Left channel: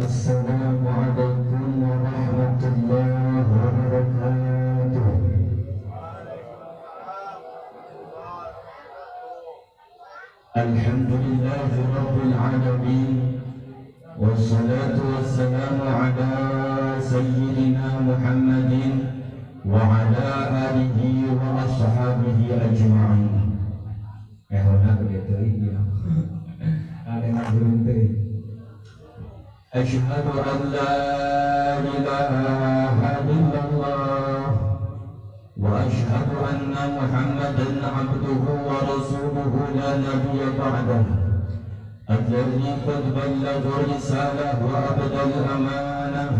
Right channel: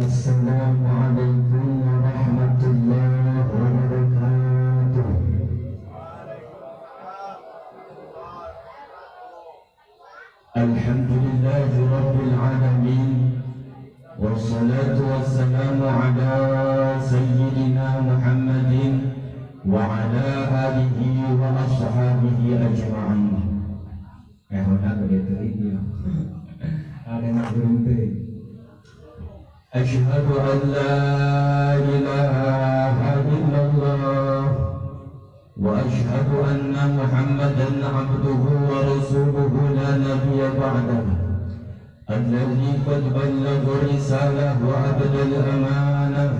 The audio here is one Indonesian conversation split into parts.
Assalamualaikum warahmatullahi wabarakatuh. Alhamdulillahi rabbil alamin. Wassalatu wassalamu ala sayyidina Muhammadin wa ala alihi wa ashabihi ajma'in. Hona begitu ya. Ada nak berhenti. Asyhadu an la ilaha illallah wa asyhadu anna Muhammadan abduhu wa rasuluhu la nabiyya ba'dahu alladhi qad ballagha risalah wa abdal amanah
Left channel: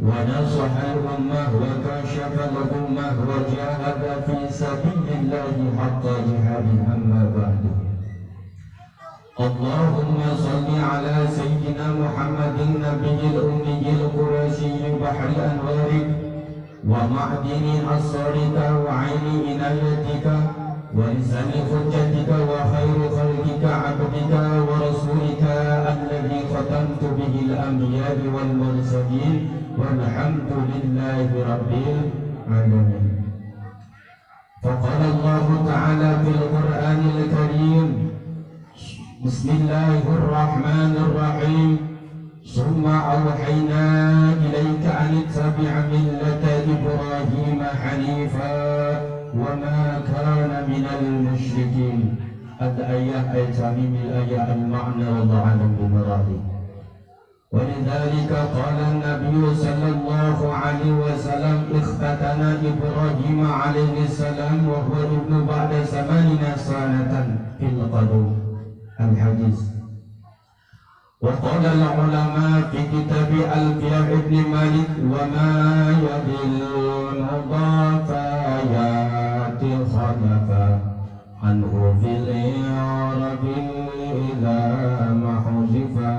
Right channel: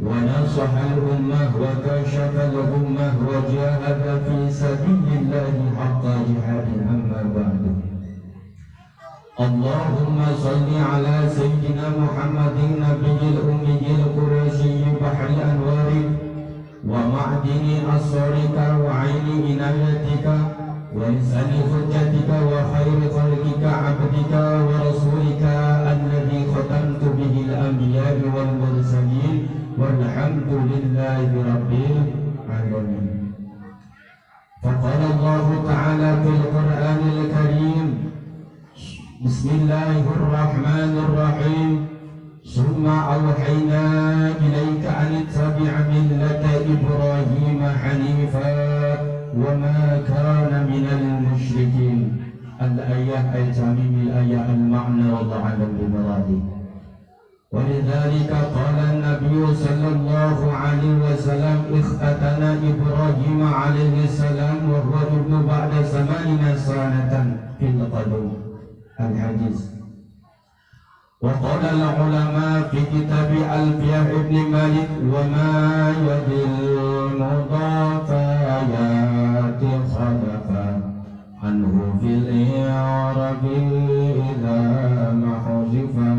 wa nasaha al-ummah wa kashafa al-ummah wa jahada fi sabilillahi haqqa jihadih amma ba'du. Allahumma salli ala sayyidina Muhammadin nabiyil ummiyil qurasyiyyi bahril anwari wa ma'dini asrarika wa aini inayatika wa lisani hujjatika wa khairu khalqika abdika wa rasulika alladhi khatamtu bihil anbiya'i wal mursalin walhamdulillahi rabbil alamin. Faqala Allah ta'ala fil Qur'anil Karim, Bismillahirrahmanirrahim. Summa awhayna ilaika an ittabi' millata Ibrahim hanifa wa ma kana minal musyrikin. Al-ayah al-tamim al-ayah al-ma'na wallahu a'lam bimuradi. ولذلك قال النبي صلى الله عليه وسلم اختتن إبراهيم عليه السلام وهو ابن بعد 80 سنة في القدوم. الحديث. وقال العلماء في كتاب ألفية ابن مالك وما يدل مضاف آيات خلفا عنه في الإعراب إلى ما حذفا.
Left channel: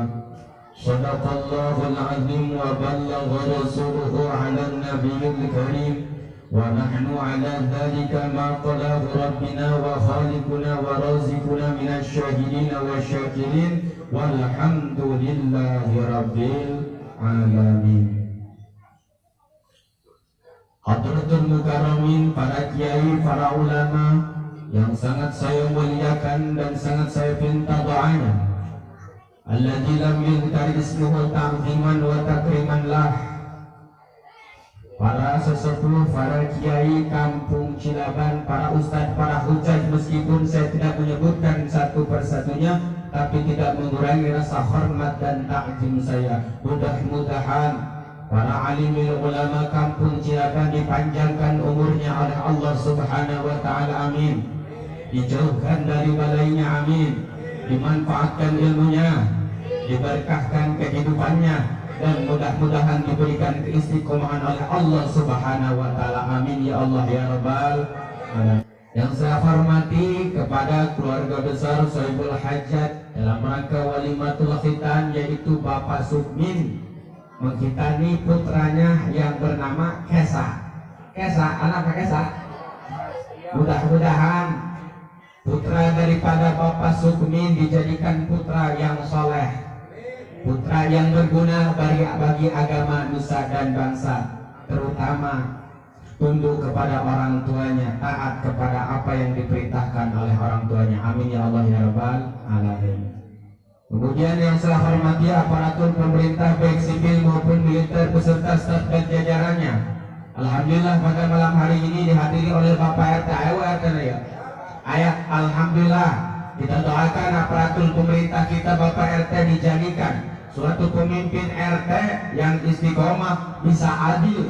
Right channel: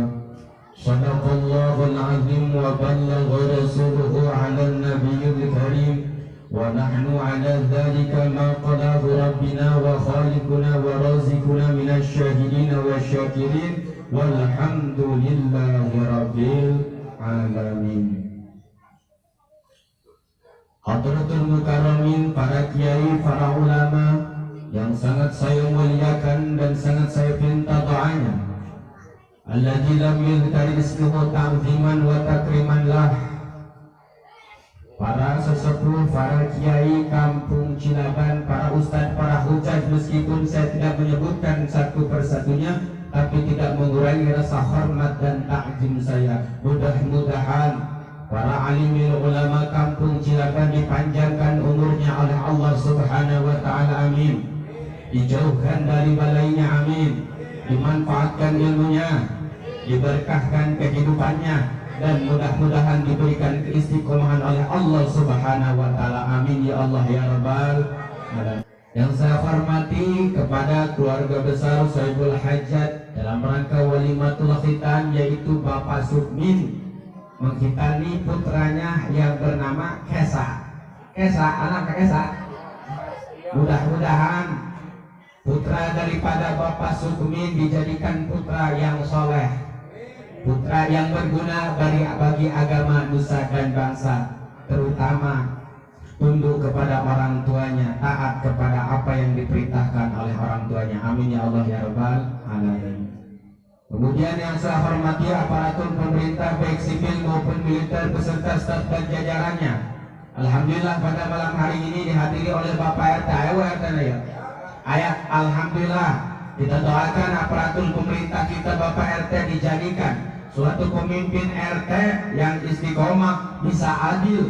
صدق الله العظيم وبلغ رسوله على النبي الكريم ونحن على ذلك ما قاله ربنا وخالقنا ورازقنا من الشاهدين والشاكرين والحمد لله رب العالمين. Hadratul Mukarramin, para kiai, para ulama yang sangat saya muliakan dan sangat saya pinta doanya. Alladzi lam yuzkar ismuhu ta'ziman wa takriman lah. Para sesepuh, para kiai kampung Cilaban, para ustadz, para hujah, meskipun saya tidak menyebutkan satu persatunya, tapi tidak mengurangi rasa hormat dan takjim saya. Mudah-mudahan para alimil ulama kampung Cilaban dipanjangkan umurnya oleh Allah Subhanahu wa Ta'ala, amin. Dijauhkan dari balainya, amin. Dimanfaatkan ilmunya, diberkahkan kehidupannya, dan mudah-mudahan diberikan keistiqomahan oleh Allah Subhanahu wa Ta'ala, amin ya Allah ya Rabbal alamin. Yang saya hormati kepada keluarga besar Sohibul Hajat dalam rangka walimatul khitan, yaitu Bapak Sukmin menghitani putranya yang bernama Kesa. Anak Kesa. Mudah-mudahan putra daripada Bapak Sukmin dijadikan putra yang soleh, putra yang berguna bagi agama, nusa dan bangsa, terutama tunduk kepada orang tuanya, taat kepada apa yang diperintahkan oleh orang tuanya, amin ya Allah ya Rabbal alamin. Kemudian yang saya hormati aparatur pemerintah baik sipil maupun militer beserta staf dan jajarannya. Alhamdulillah pada malam hari ini dihadiri oleh Bapak RT ya. Ayat alhamdulillah, kita doakan aparatur pemerintah kita Bapak RT dijadikan suatu pemimpin RT yang istiqomah, bisa adil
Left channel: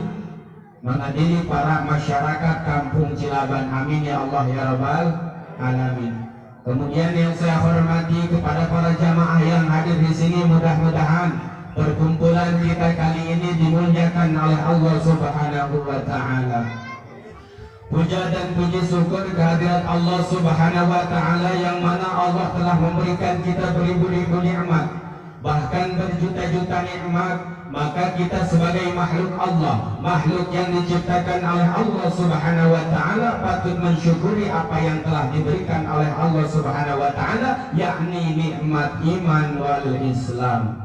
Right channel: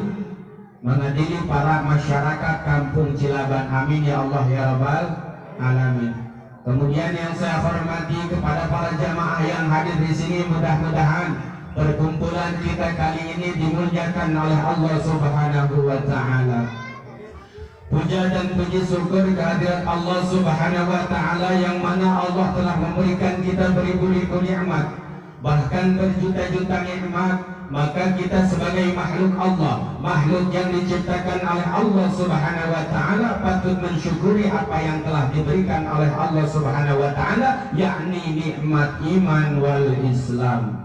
mengadili para masyarakat kampung Cilaban, amin ya Allah ya Rabbal alamin. Kemudian yang saya hormati kepada para jamaah yang hadir di sini, mudah-mudahan perkumpulan kita kali ini dimuliakan oleh Allah Subhanahu wa Ta'ala. Puja dan puji syukur kehadirat Allah Subhanahu wa Ta'ala yang mana Allah telah memberikan kita beribu-ribu nikmat, bahkan berjuta-juta nikmat. Maka kita sebagai makhluk Allah, makhluk yang diciptakan oleh Allah Subhanahu wa Ta'ala, patut mensyukuri apa yang telah diberikan oleh Allah Subhanahu wa Ta'ala, yakni nikmat iman wal Islam.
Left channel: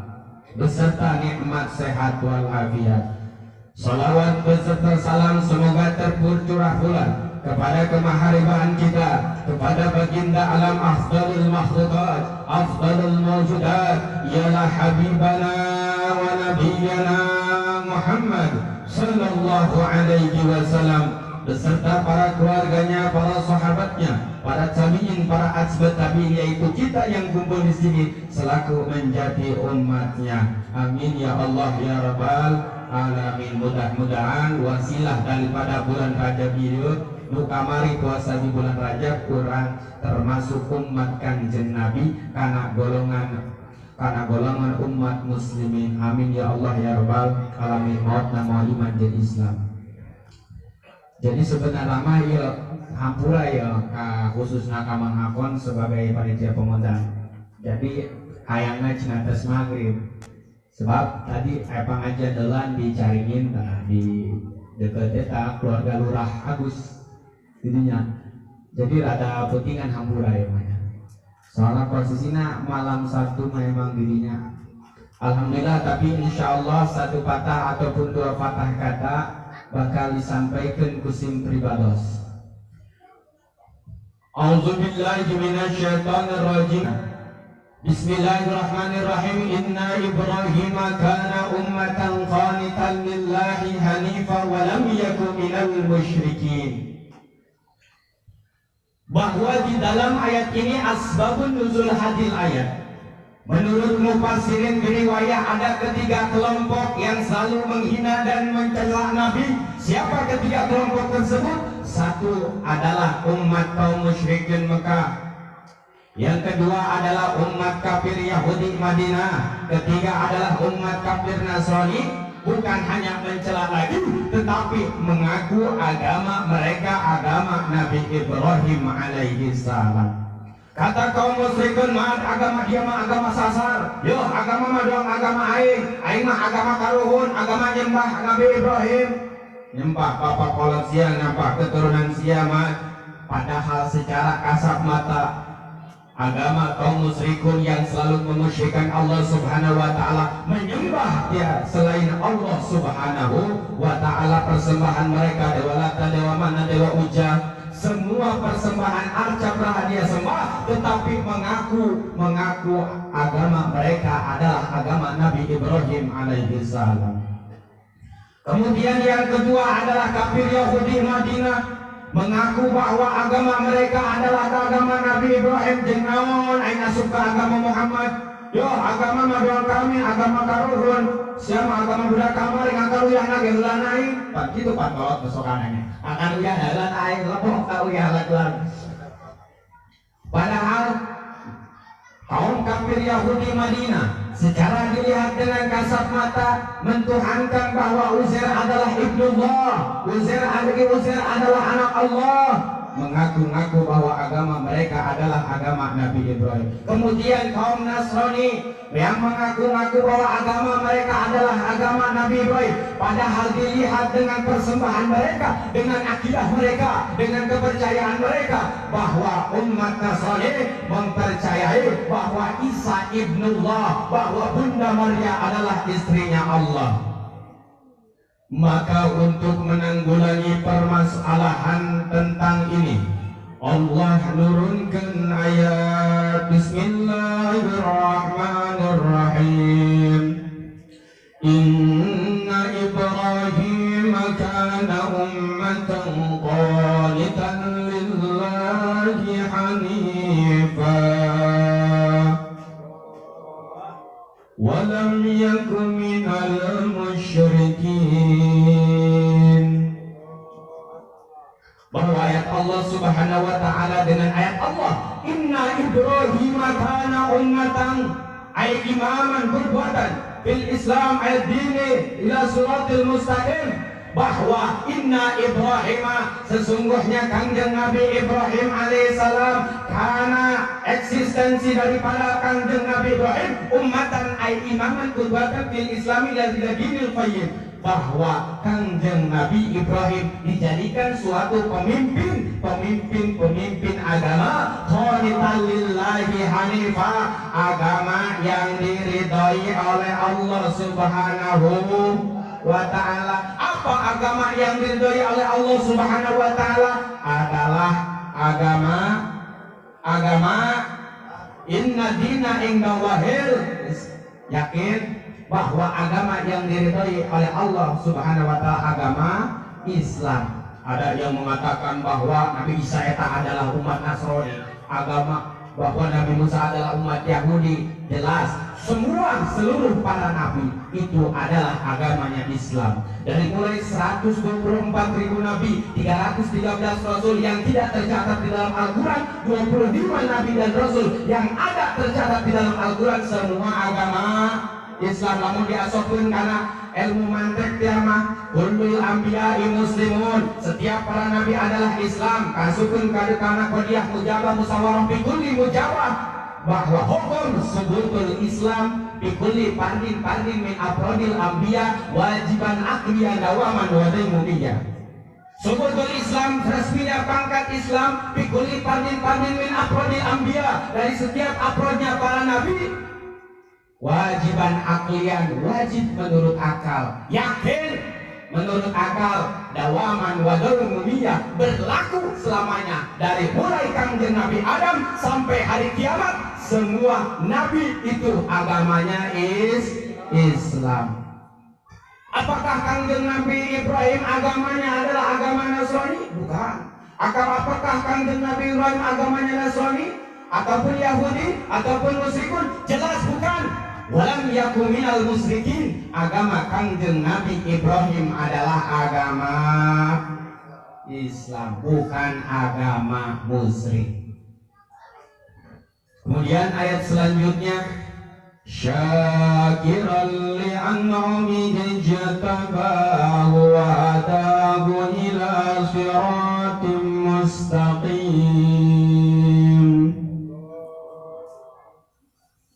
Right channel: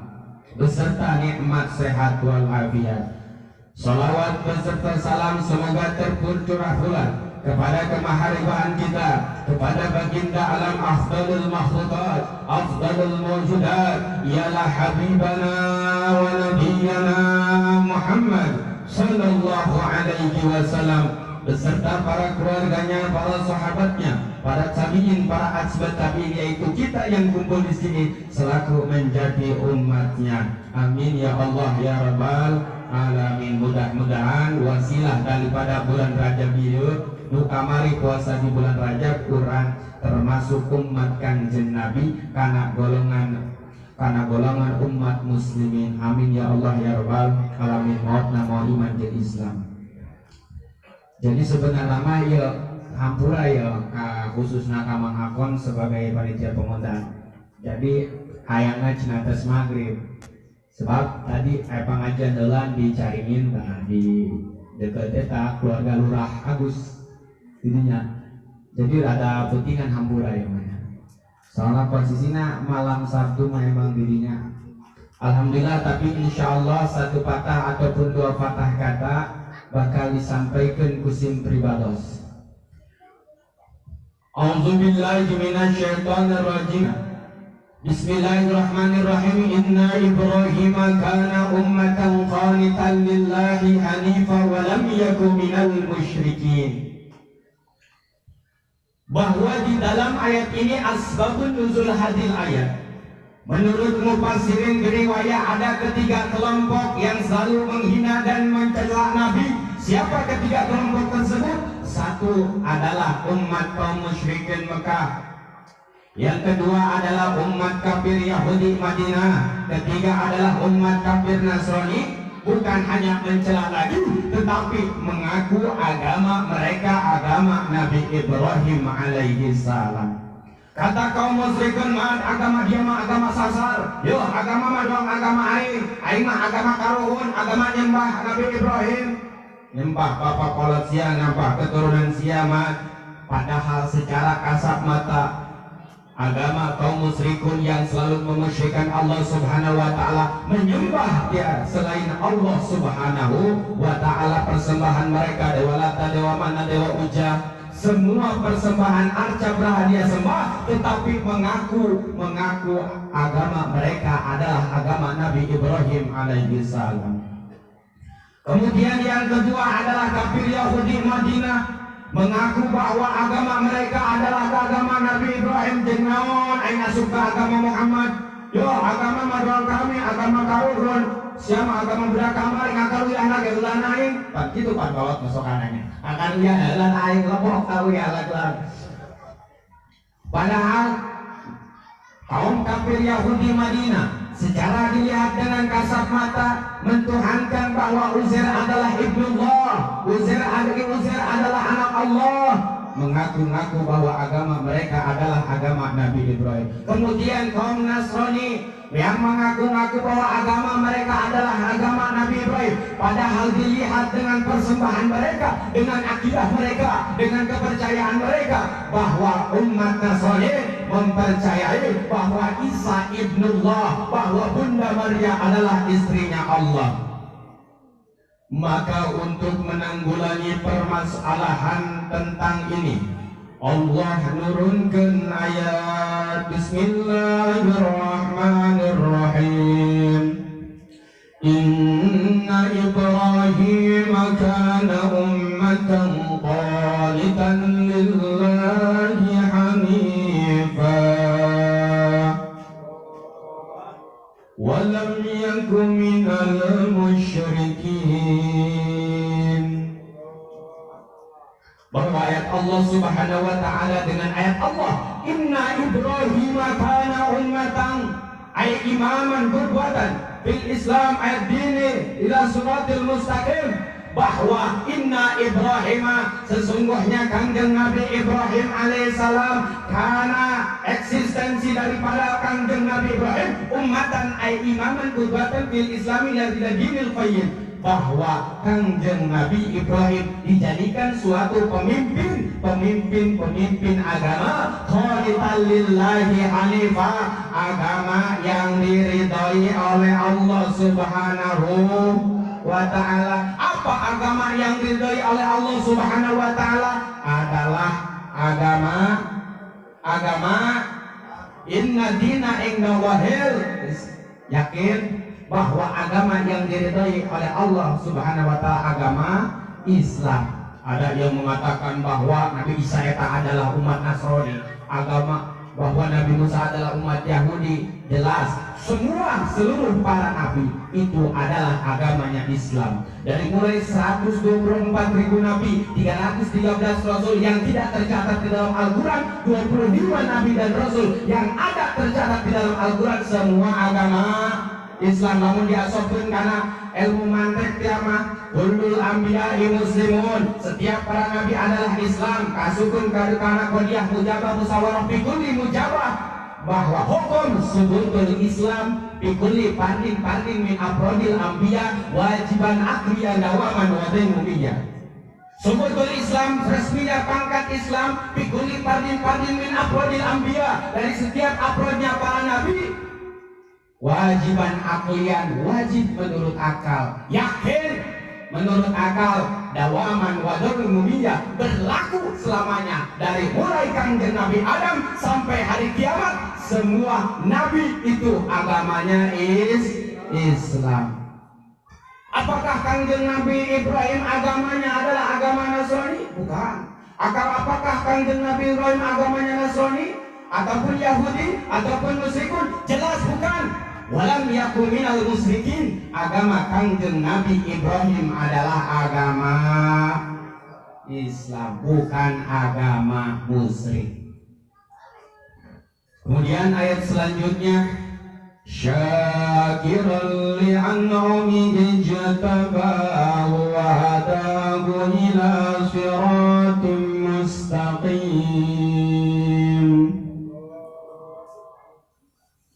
beserta nikmat sehat walafiat. Salawat beserta salam semoga tercurah pula kepada kemaharibaan kita, kepada baginda alam afdalul makhlukat, afdalul mawjudat, ialah habibana wa nabiyyana Muhammad sallallahu alaihi wasallam, beserta para keluarganya, para sahabatnya, para tabi'in, para atba' tabi'in, yaitu kita yang kumpul di sini selaku menjadi umatnya. Amin ya Allah ya Rabbal alamin. Mudah-mudahan wasilah daripada bulan Rajab ini, nu kamari puasa di bulan Rajab, urang termasuk umat Kanjeng Nabi karena golongan umat muslimin. Amin ya Allah ya Rabbal alamin. Maut nama iman jadi Islam. Jadi sebenarnya mah ya hampura ya khususnya Kamang Akon sebagai panitia pengundang. Jadi hayangna cenah tes maghrib. Sebab tadi pengajian dalam dicariin di dekat eta keluarga Lurah Agus didinya. Jadi rada pentingan hampura ya mah. Soalnya posisinya malam Sabtu memang dirinya. Alhamdulillah, tapi insya Allah satu patah ataupun dua patah kata bakal disampaikan kusim pribados. A'udzubillahi minasyaitonirrajim. Bismillahirrahmanirrahim. Inna Ibrahima kana ummatan qanitan lillahi hanifa wa lam yakun minal musyrikin. Bahwa di dalam ayat ini asbabun nuzul hadil ayat. Menurut mufassirin beriwayah ada ketiga kelompok yang selalu menghina dan mencela Nabi. Siapa ketiga kelompok tersebut? Satu adalah umat kaum musyrikin Mekah. Yang kedua adalah umat kafir Yahudi Madinah. Ketiga adalah umat kafir Nasrani. Bukan hanya mencela lagi, tetapi mengaku agama mereka agama Nabi Ibrahim alaihi salam. Kata kaum musyrikin, mah agama dia mah agama sasar. Yo, agama mah doang agama aing mah agama karuhun, agama nyembah Nabi Ibrahim. Nyembah bapak kolot sia, nyembah keturunan sia mah. Padahal secara kasat mata agama kaum musyrikun yang selalu memusyrikan Allah Subhanahu wa taala, menyembah dia selain Allah Subhanahu wa taala. Persembahan mereka dewa Lata, dewa Mana, dewa Uja, semua persembahan arca berhadiah sembah, tetapi mengaku agama mereka adalah agama Nabi Ibrahim alaihi salam. Kemudian yang kedua adalah kafir Yahudi Madinah, mengaku bahwa agama mereka adalah agama Nabi Ibrahim. Jennaon aing asup ke agama Muhammad. Yo, agama maduang kami agama karuhun. Siapa agama budak kamar yang akan uyahna ge heula aing. Pan kitu pan bawat besokananya. Akan uyah heula aing lepok ka uyah laglang. Padahal kaum kafir Yahudi Madinah secara dilihat dengan kasat mata mentuhankan bahwa Uzair adalah ibnullah, Uzair adalah anak Allah, mengaku-ngaku bahwa agama mereka adalah agama Nabi Ibrahim. Kemudian kaum Nasrani yang mengaku-ngaku bahwa agama mereka adalah agama Nabi Ibrahim, padahal dilihat dengan persembahan mereka, dengan akidah mereka, dengan kepercayaan mereka, bahwa umat Nasrani mempercayai bahwa Isa ibnullah, bahwa Bunda Maria adalah istrinya Allah. Maka untuk menanggulangi permasalahan tentang ini, Allah nurunkan ayat Bismillahirrahmanirrahim. Inna Ibrahim kana ummatan qanitan lillahi hanifa wa lam yakun minal musyrikin. Bahwa ayat Allah Subhanahu wa taala dengan ayat Allah, Inna Ibrahim kana ummatan, ay imaman perbuatan fil Islam ayat dini ila suratil mustaqim, bahwa Inna Ibrahim, sesungguhnya Kanjeng Nabi Ibrahim alaihissalam, karena eksistensi daripada Kanjeng Nabi Ibrahim ummatan ay imaman perbuatan fil Islam ila dinil qayyim, bahwa Kangjeng Nabi Ibrahim dijadikan suatu pemimpin agama qanitan lillahi hanifah, agama yang diridhai oleh Allah Subhanahu wa ta'ala. Apa agama yang diridhai oleh Allah Subhanahu wa ta'ala? Adalah agama inna dina indallahil, yakin bahwa agama yang diridhai oleh Allah Subhanahu wa ta'ala agama Islam. Ada yang mengatakan bahwa Nabi Isa eta adalah umat Nasrani, agama bahwa Nabi Musa adalah umat Yahudi. Jelas seluruh para nabi itu adalah agamanya Islam. Dari mulai 124.000 nabi, 313 rasul yang tidak tercatat di dalam Al-Quran, 25 nabi dan rasul yang ada tercatat di dalam Al-Quran, semua agama Islam. Namun diasopkan karena ilmu mantek tiama kullul anbiya'i muslimun, setiap para nabi adalah Islam. Kasukun karena kodiyah mujabah musawarah bikulli mujabah, bahwa hukum subutul Islam bikulli pardin min afrodil anbiya wajiban akliyan dawaman wadimumiyah. Subutul Islam resminya pangkat Islam bikulli pardin min afrodil anbiya, dari setiap afrodnya para nabi, wajiban aklian, wajib menurut akal, yakin menurut akal, dawaman wadimumiyah, berlaku selamanya. Dari mulai Kangjeng Nabi Adam sampai hari kiamat, semua nabi itu agamanya Islam. Apakah Kangjeng Nabi Ibrahim agamanya adalah agama Nasrani? Bukan. Apakah Kangjeng Nabi Ibrahim agamanya Nasrani ataupun Yahudi ataupun musyrikun? Jelas bukan. Walam yakum minal musyrikin. Agama Kangjeng Nabi Ibrahim adalah agama Islam, bukan agama musyrik. Kemudian ayat selanjutnya, syakiran li'an'amihi jatabahu wa hadahu ila siratim mustaqim.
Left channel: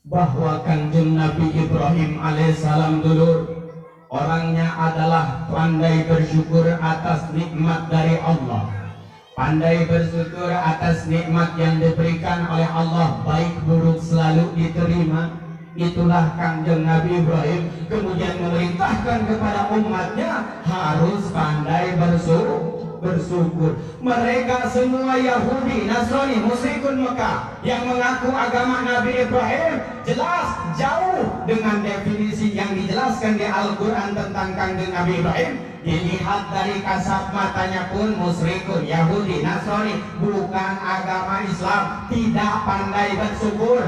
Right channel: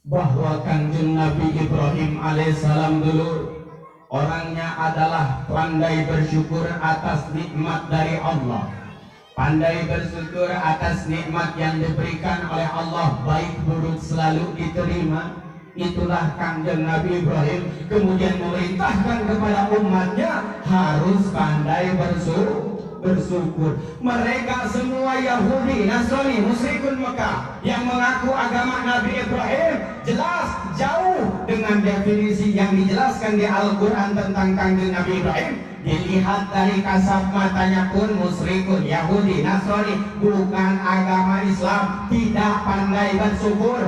Bahwa Kangjeng Nabi Ibrahim alaihissalam dulu orangnya adalah pandai bersyukur atas nikmat dari Allah, pandai bersyukur atas nikmat yang diberikan oleh Allah, baik buruk selalu diterima. Itulah Kangjeng Nabi Ibrahim. Kemudian memerintahkan kepada umatnya harus pandai bersyukur. Mereka semua Yahudi, Nasrani, musyrikun Mekah yang mengaku agama Nabi Ibrahim jelas jauh dengan definisi yang dijelaskan di Al-Quran tentang Kangjeng Nabi Ibrahim. Dilihat dari kasat matanya pun musyrikun, Yahudi, Nasrani, bukan agama Islam, tidak pandai bersyukur.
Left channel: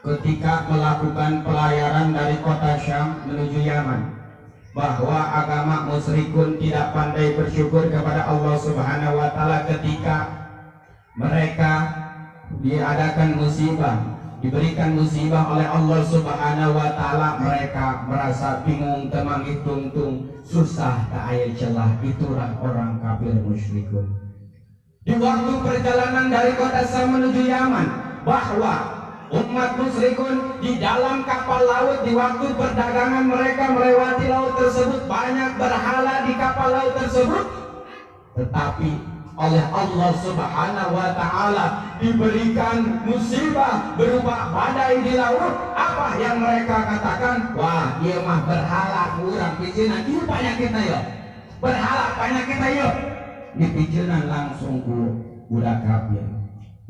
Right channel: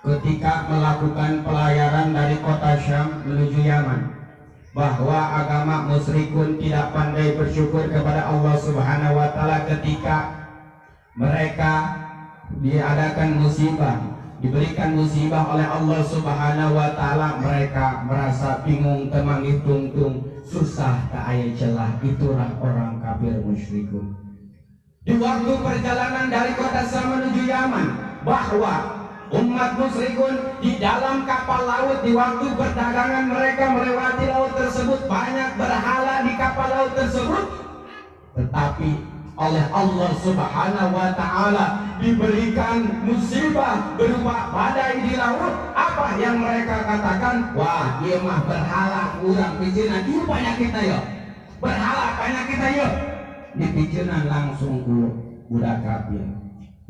Ketika melakukan pelayaran dari kota Syam menuju Yaman, bahwa agama musyrikun tidak pandai bersyukur kepada Allah Subhanahu wa ta'ala. Ketika mereka diadakan musibah, diberikan musibah oleh Allah Subhanahu wa ta'ala, mereka merasa bingung, temangih tungtung, susah tak aya celah. Itulah orang kafir musyrikun. Di waktu perjalanan dari kota Syam menuju Yaman, bahwa umat musyrikun di dalam kapal laut, di waktu perdagangan mereka melewati laut tersebut, banyak berhala di kapal laut tersebut, tetapi oleh Allah Subhanahu wa ta'ala diberikan musibah berupa badai di laut. Apa yang mereka katakan? Wah, ieu mah berhala urang pijenan, ieu panyakitna yo, berhala panyakitna yo. Dipijenan langsung ku budak kafir,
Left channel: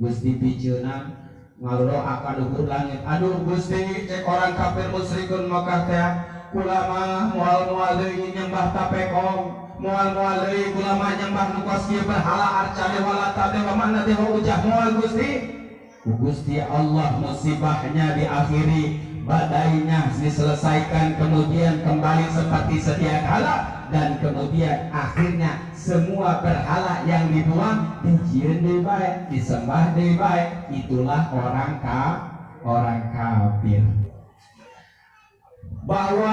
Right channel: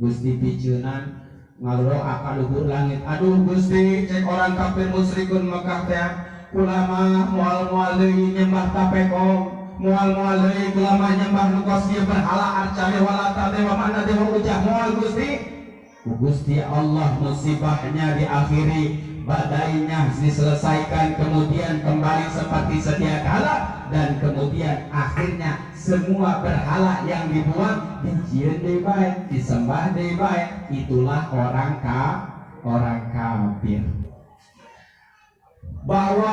geus dipijenan ngaluro akan luhur langit. Aduh Gusti, cek orang kafir musyrikun Mekah teh kulama moal deui nyembah tapekong, moal deui kulama nyembah nu kos ieu berhala arca walata dewa mana dewa ujah moal Gusti. Ku Gusti Allah musibahnya diakhiri, badainya diselesaikan, kemudian kembali seperti sedia kala, dan kemudian akhirnya semua berhala yang dibuang dijieun deui bae, disembah deui bae. Itulah orang kafir. Bahwa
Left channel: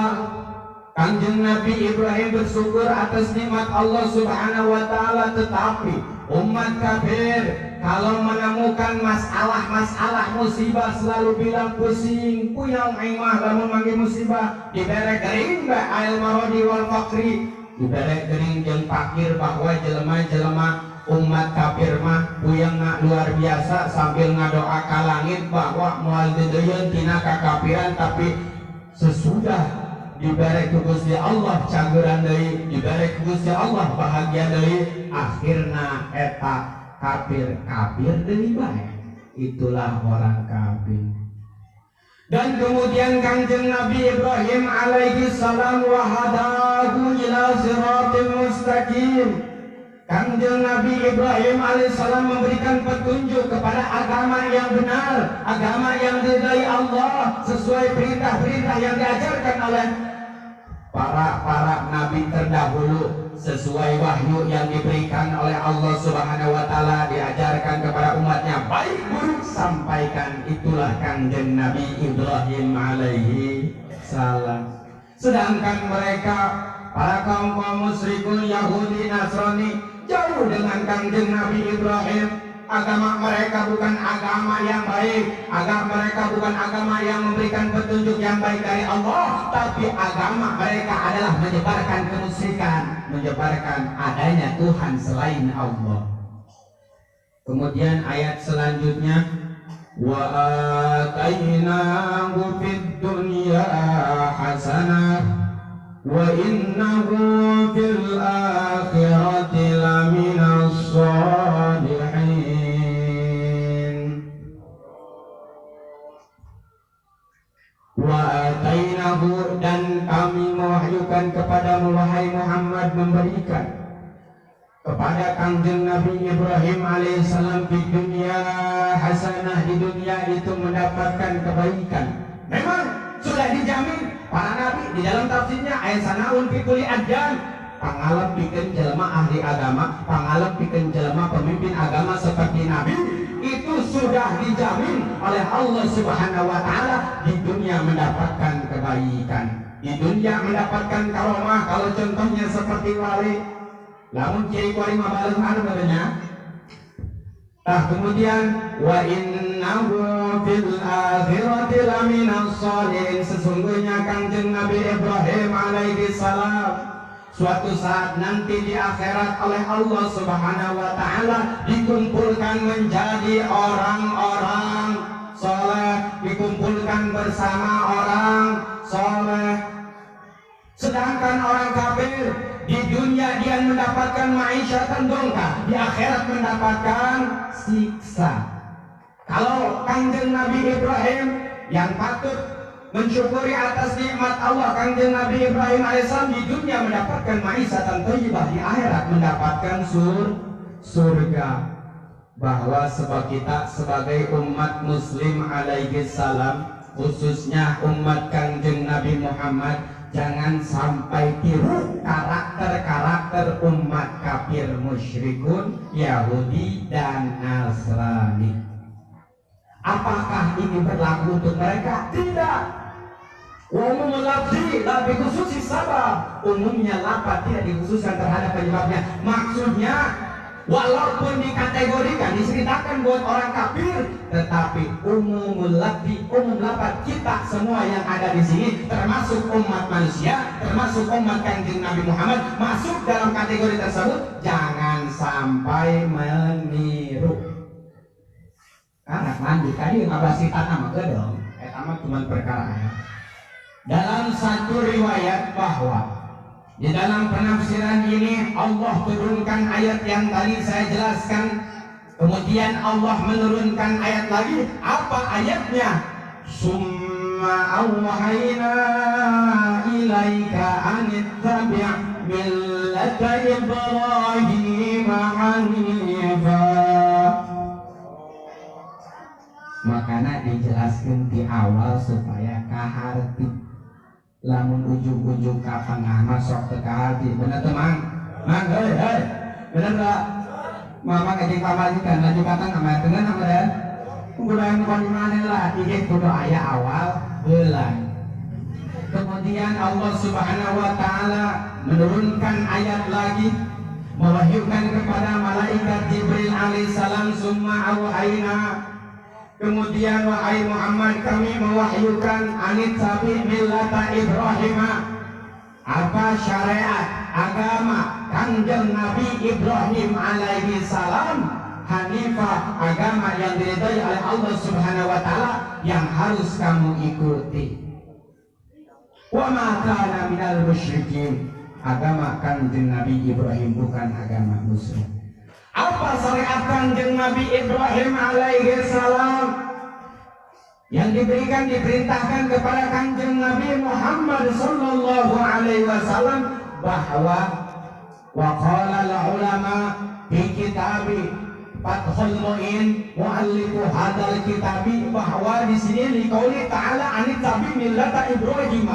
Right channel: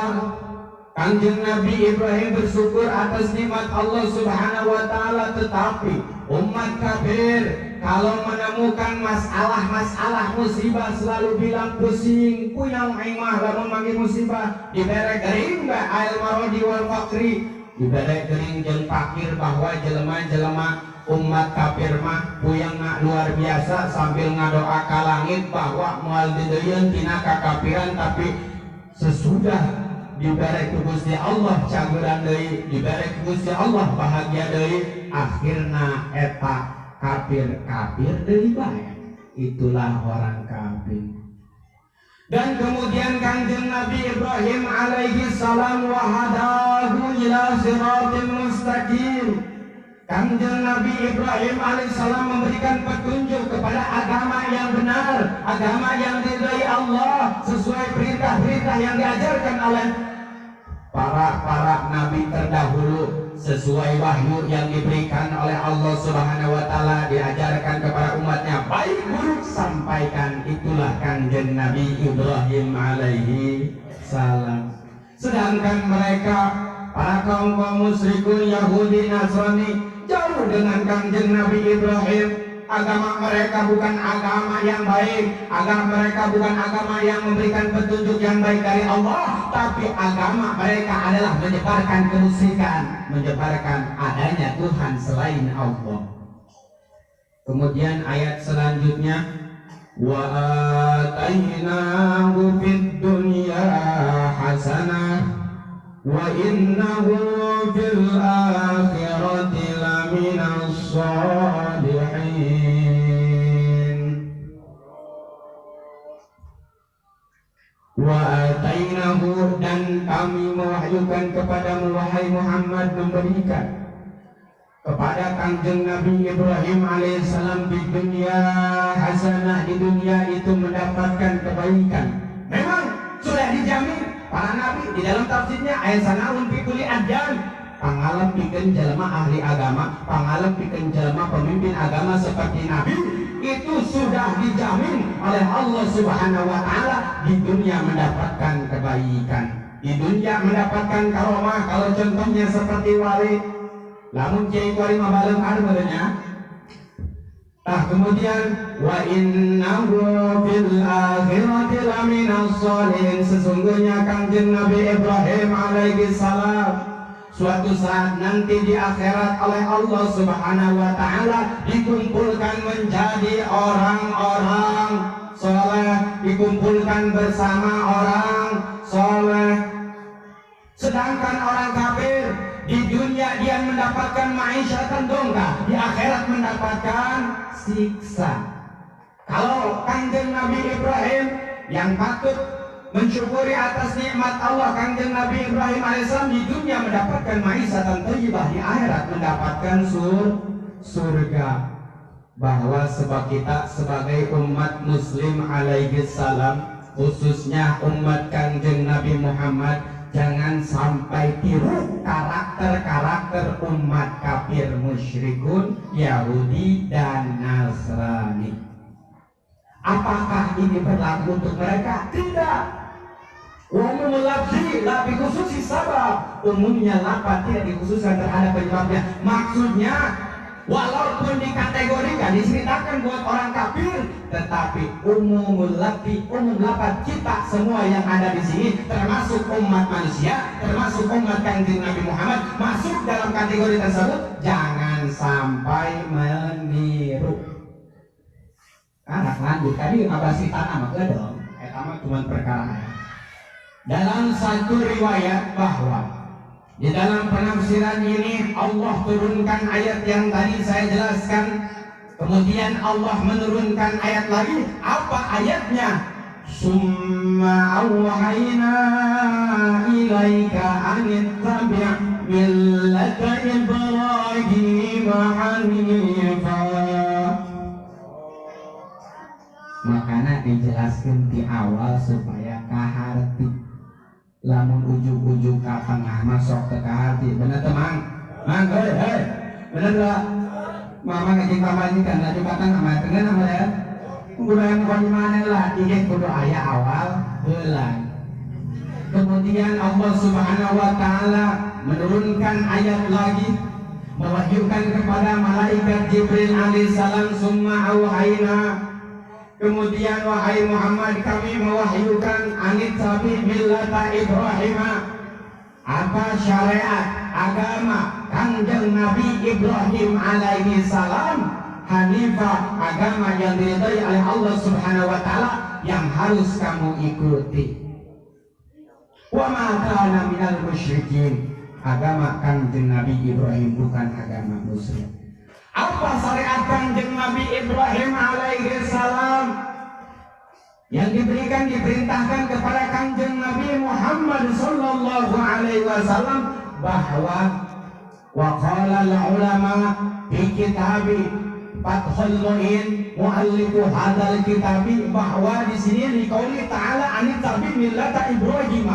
Kangjeng Nabi Ibrahim bersyukur atas nikmat Allah Subhanahu wa ta'ala, tetapi umat kafir kalau menemukan masalah musibah selalu bilang pusing, puyang aing mah lamun manggil musibah, dibere gering ba ail marodi wal fakri, dibere gering jeung fakir bahwa jelema-jelema umat kafir mah puyangna luar biasa sambil ngadoa ka langit bahwa moal dedeun tina kakafiran, tapi sesudah dibere ku Gusti Allah cageran deui, dibere ku Gusti Allah bahagia deui, akhirna eta kafir deui bae. Itulah orang kafir. Dan kemudian Kanjeng Nabi Ibrahim alaihi salam wa hadahu ila siratal mustaqim. Kanjeng Nabi Ibrahim alaihissalam memberikan petunjuk kepada agama yang benar, agama yang diridai Allah sesuai perintah-perintah yang diajarkan oleh para nabi terdahulu, sesuai wahyu yang diberikan oleh Allah Subhanahu wa taala, diajarkan kepada umatnya baik buruk sampaikan. Itulah Kanjeng Nabi Ibrahim alaihi salam. Sedangkan mereka para kaum musyrikun Yahudi Nasrani jauh dengan Kanjeng Nabi Ibrahim. Agama mereka bukan agama yang baik, agama mereka bukan agama yang memberikan petunjuk yang baik dari Allah, tapi agama mereka adalah menyebarkan kemusyrikan, menyebarkan adanya Tuhan selain Allah. Kemudian ayat selanjutnya, wa atainahu fid dunya hasanah wa innahu fil akhirati laminas sholihin. Wa atainahu, dan kami mewahyukan kepadamu wahai Muhammad, memberikan kepada Kanjeng Nabi Ibrahim alaihissalam di dunia hasanah, di dunia itu mendapatkan kebaikan. Memang sudah dijamin para nabi di dalam tafsirnya ayat sanaun fi kulli adyan, pangalem pikeun jelema ahli agama, pangalem pikeun jelema pemimpin agama seperti nabi, itu sudah dijamin oleh Allah Subhanahu wa taala di dunia mendapatkan kebaikan, di dunia mendapatkan karomah. Kalau contohnya seperti wali, lamun kiai kuari mah baleung hareunya. Kemudian wa innahu fil akhirati laminas sholihin, sesungguhnya Kanjeng Nabi Ibrahim alaihi salam suatu saat nanti di akhirat oleh Allah Subhanahu wa taala dikumpulkan menjadi orang-orang soleh, dikumpulkan bersama orang soleh. Sedangkan orang kafir di dunia dia mendapatkan ma'isyatan dongka, di akhirat mendapatkan siksa. Kalau Kanjeng Nabi Ibrahim yang patut mensyukuri atas nikmat Allah, Kanjeng Nabi Ibrahim alaihissalam di dunia mendapatkan ma'isyatan thayyibah, di akhirat mendapatkan surga. Bahwa sebab kita sebagai umat muslim alaihi salam, khususnya umat Kanjeng Nabi Muhammad, jangan sampai tiru karakter-karakter umat kafir musyrikun Yahudi dan Nasrani. Apakah ini berlaku untuk mereka? Tidak. Umumul lafzi la bi khususi sabab, umumnya lafaz tidak dikhususkan terhadap penyebabnya. Maksudnya walaupun dikategorikan, diceritakan buat orang kafir, tetapi umumul lafzi, umum lafaz kita semua yang ada di sini, termasuk umat manusia, termasuk umat Kanjeng Nabi Muhammad, masuk dalam kategori tersebut. Jangan sampai meniru. Karena lanjut tadi ngabasi tanah mah dong. Eta mah cuma perkara ya. Dalam satu riwayat bahwa di dalam penafsiran ini Allah turunkan ayat yang tadi saya jelaskan. Kemudian Allah menurunkan ayat lagi. Apa ayatnya? Summa awhayna ilaika anittabi' millata Ibrahim hanifa. Makanya dijelaskan di awal supaya kaharti. Lamun ujung-ujung ka tengah masuk ke kaharti, bener teman? Mang, hei, bener gak? Mama ngajing pamajikan, laju katang sama dengan sama dan budaya muka dimana lah, ingin kudu ayah awal bulan. Kemudian Allah Subhanahu wa ta'ala menurunkan ayat lagi. mewahyukan kepada malaikat Jibril alaihissalam, summa auhayna, kemudian wahai Muhammad kami mewahyukan anit tabi millata Ibrahim, apa syariat agama kanjeng Nabi Ibrahim alaihi salam, hanifah, agama yang diridhai oleh Allah Subhanahu wa taala yang harus kamu ikuti. Wa ma kana minal musyrikin, agama kanjeng Nabi Ibrahim bukan agama musyrik. Apa syariat kanjeng Nabi Ibrahim alaihi salam yang diberikan, diperintahkan kepada kanjeng Nabi Muhammad sallallahu alaihi wasallam, bahwa wa qala al ulama fi kitabi Fathul Mu'in muallifu hadal kitabi, bahwa di sini liqauli ta'ala anit tabi millata Ibrahim.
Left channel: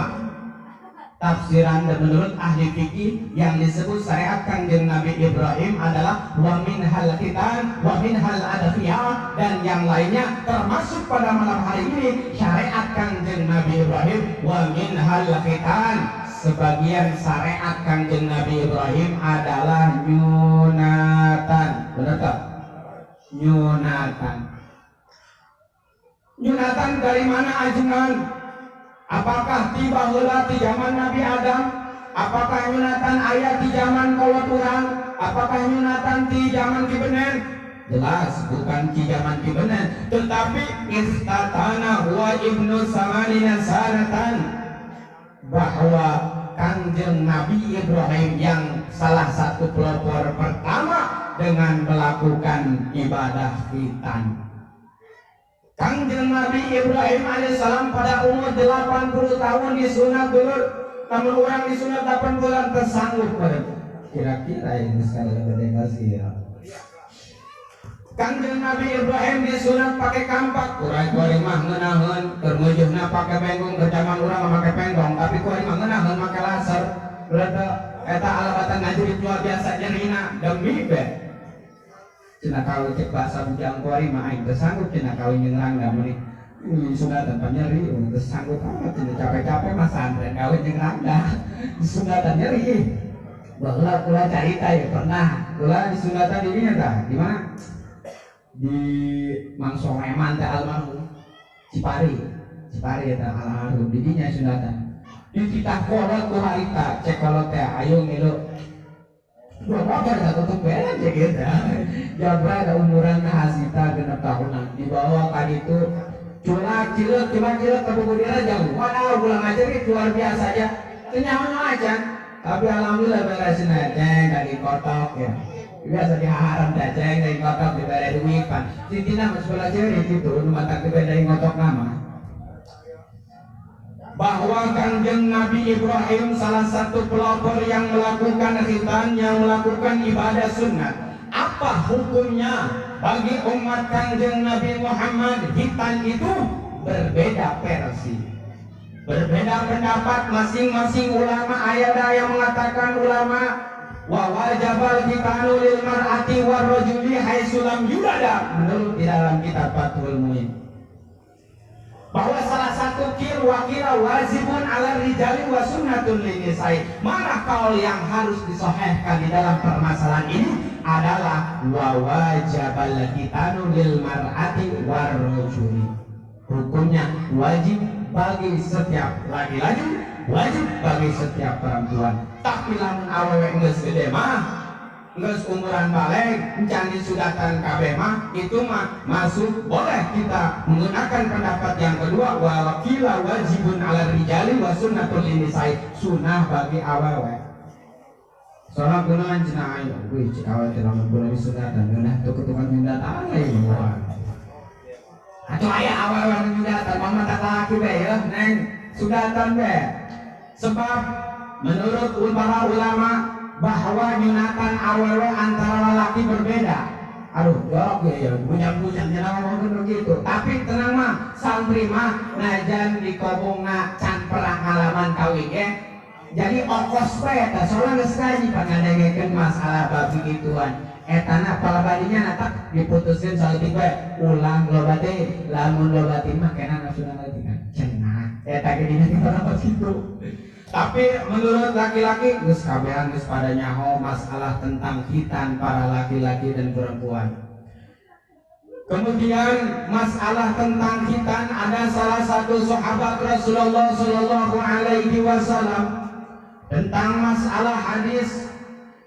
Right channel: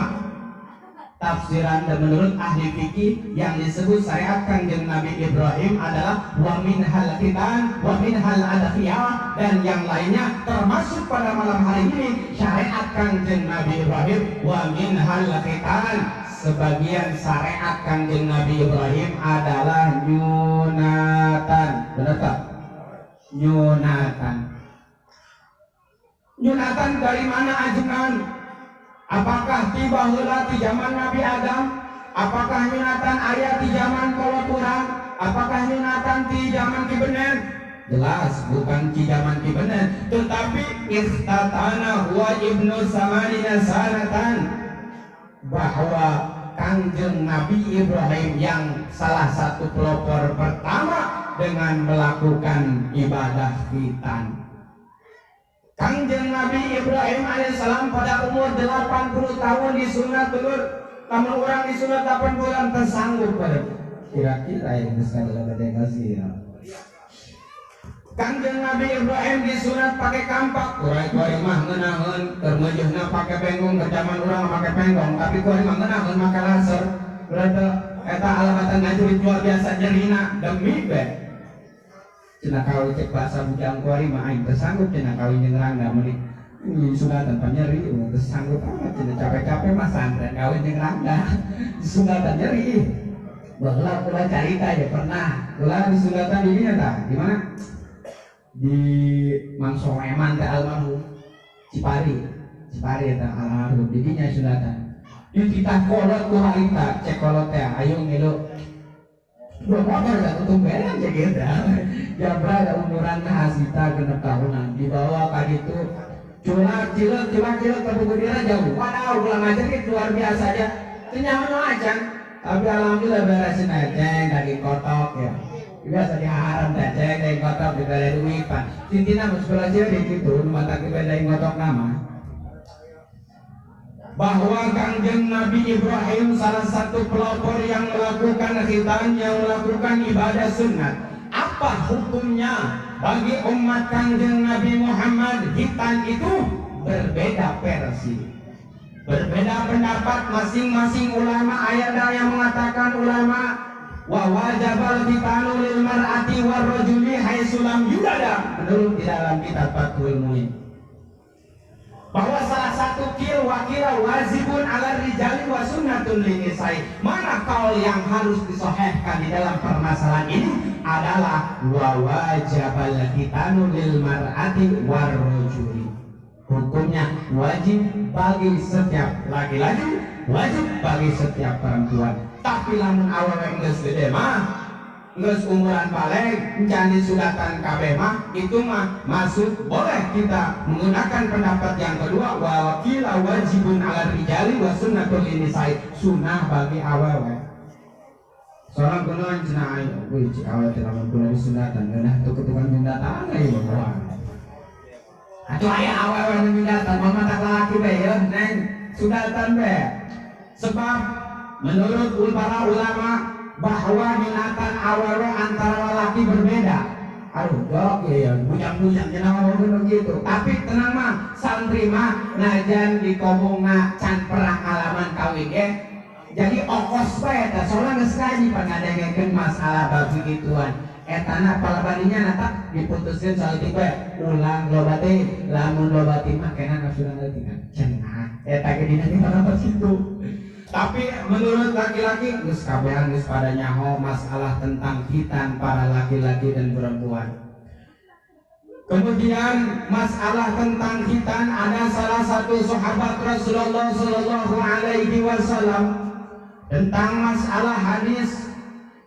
Tafsiran dan menurut ahli fikih yang disebut syariat kanjeng Nabi Ibrahim adalah wa minhal khitan wa minhal adafiyah, dan yang lainnya termasuk pada malam hari ini syariat kanjeng Nabi Ibrahim wa minhal khitan. Sebagian syariat kanjeng Nabi Ibrahim adalah nyunatan. Benar tak? Nyunatan. Nyunatan dari mana ajengan? Apakah tiba heula di zaman Nabi Adam? Apakah nyunatan ayat di zaman kolot urang? Apakah nyunatan di zaman Kibenen? Jelas bukan di zaman Kibenen, tetapi istatana huwa ibnu samanina sanatan, bahwa kanjeng Nabi Ibrahim yang salah satu pelopor pertama dengan melakukan ibadah khitan. Kanjeng Nabi Ibrahim alaihissalam pada umur 80 tahun disunat dulu, namun orang disunat 8 bulan tersanggup pada kira-kira ini sekali lebih kasih ya. Kanjeng Nabi Ibrahim disunat pakai kampak, kurai mah ngeunaheun, kermeujeuna pakai penggong, kerjaman urang pakai penggong, tapi kuari mah ngeunaheun make laser. Berarti eta alabatan ngajurit luar biasa nyerina demi be. Cina kawin cek bahasa bujang kuari mah aing teu sanggup cina kawin jeung rangga meuli sunatan panyeri teu sanggup amat cina capek-capek mah santren kawin jeung rangga sunatan nyeri. Baheula kula carita ya pernah kula di sunatan di dinya tah di mana? Di Mang Soleman teh almarhum Cipari eta almarhum di dinya sunatan. Di titah kolot ku harita cek kolot teh ayo ngilu dua motor gak ketumberan cek gitu. Jabra ada umuran hasita 6 tahunan dibawa ka ditu culak cileuk kabudira jauh. Waduh ulang ngajarit luar biasa aja. Teu nyaho aja. Tapi alhamdulillah beresin ceng daging kotok ya. Biasa diharam teh ceng daging kotok dibere duit pan. Tintina mah sekolah cewek gitu nu mantak dibere daging kotok nama. Bahwa kanjeng Nabi Ibrahim salah satu pelopor yang melakukan khitan, yang melakukan ibadah sunat. Apa hukumnya bagi umat kanjeng Nabi Muhammad? Khitan itu berbeda versi, berbeda pendapat masing-masing ulama. Ada yang mengatakan ulama wa wajabal khitanu lil mar'ati war rajuli haitsu lam yulada, menurut di dalam kitab Fathul Mu'in, bahwa salah satu wakila wajibun ala rijali wa sunnatun linisai. Mana kaul yang harus disohehkan di dalam permasalahan ini adalah wa wajabal khitanu lil mar'ati war rajuli. Hukumnya wajib bagi setiap laki-laki, wajib bagi setiap perempuan. Tapi lamun awewe geus gede mah, geus umuran balik, encan disudatan kabeh mah, itu mah masuk boleh kita menggunakan pendapat yang kedua wa wakila wajibun ala rijali wa sunnatul linisai, sunnah bagi awewe. Soalnya kunaon cenah ayo, wih cik awal cenah mun kunaon disudatan, geunah tuh ketukan mindatan lain mah. Atuh aya awewe nu mindatan, mah tak laki bae ya, neng sudatan bae. Sebab menurut para ulama bahwa nyunatan awewe antara lelaki berbeda. Aduh, jorok ya, bujang-bujang jenama mau gitu. Tapi tenang mah, santri mah najan di kobongna can perang halaman kawin ya. Jadi okos bae eta, soalnya geus ngaji pangadengekeun masalah babi gituan. Etana palabadinya nata diputuskeun saeutik bae, ulang loba teh, lamun loba teh mah kenana sudah ngarti kan. Cenah, eta ge dina kita dapat kitu. Tapi menurut laki-laki geus kabehan geus pada nyaho masalah tentang khitan para laki-laki dan perempuan. Kemudian masalah tentang khitan, ada salah satu sahabat Rasulullah Shallallahu Alaihi Wasallam tentang masalah hadis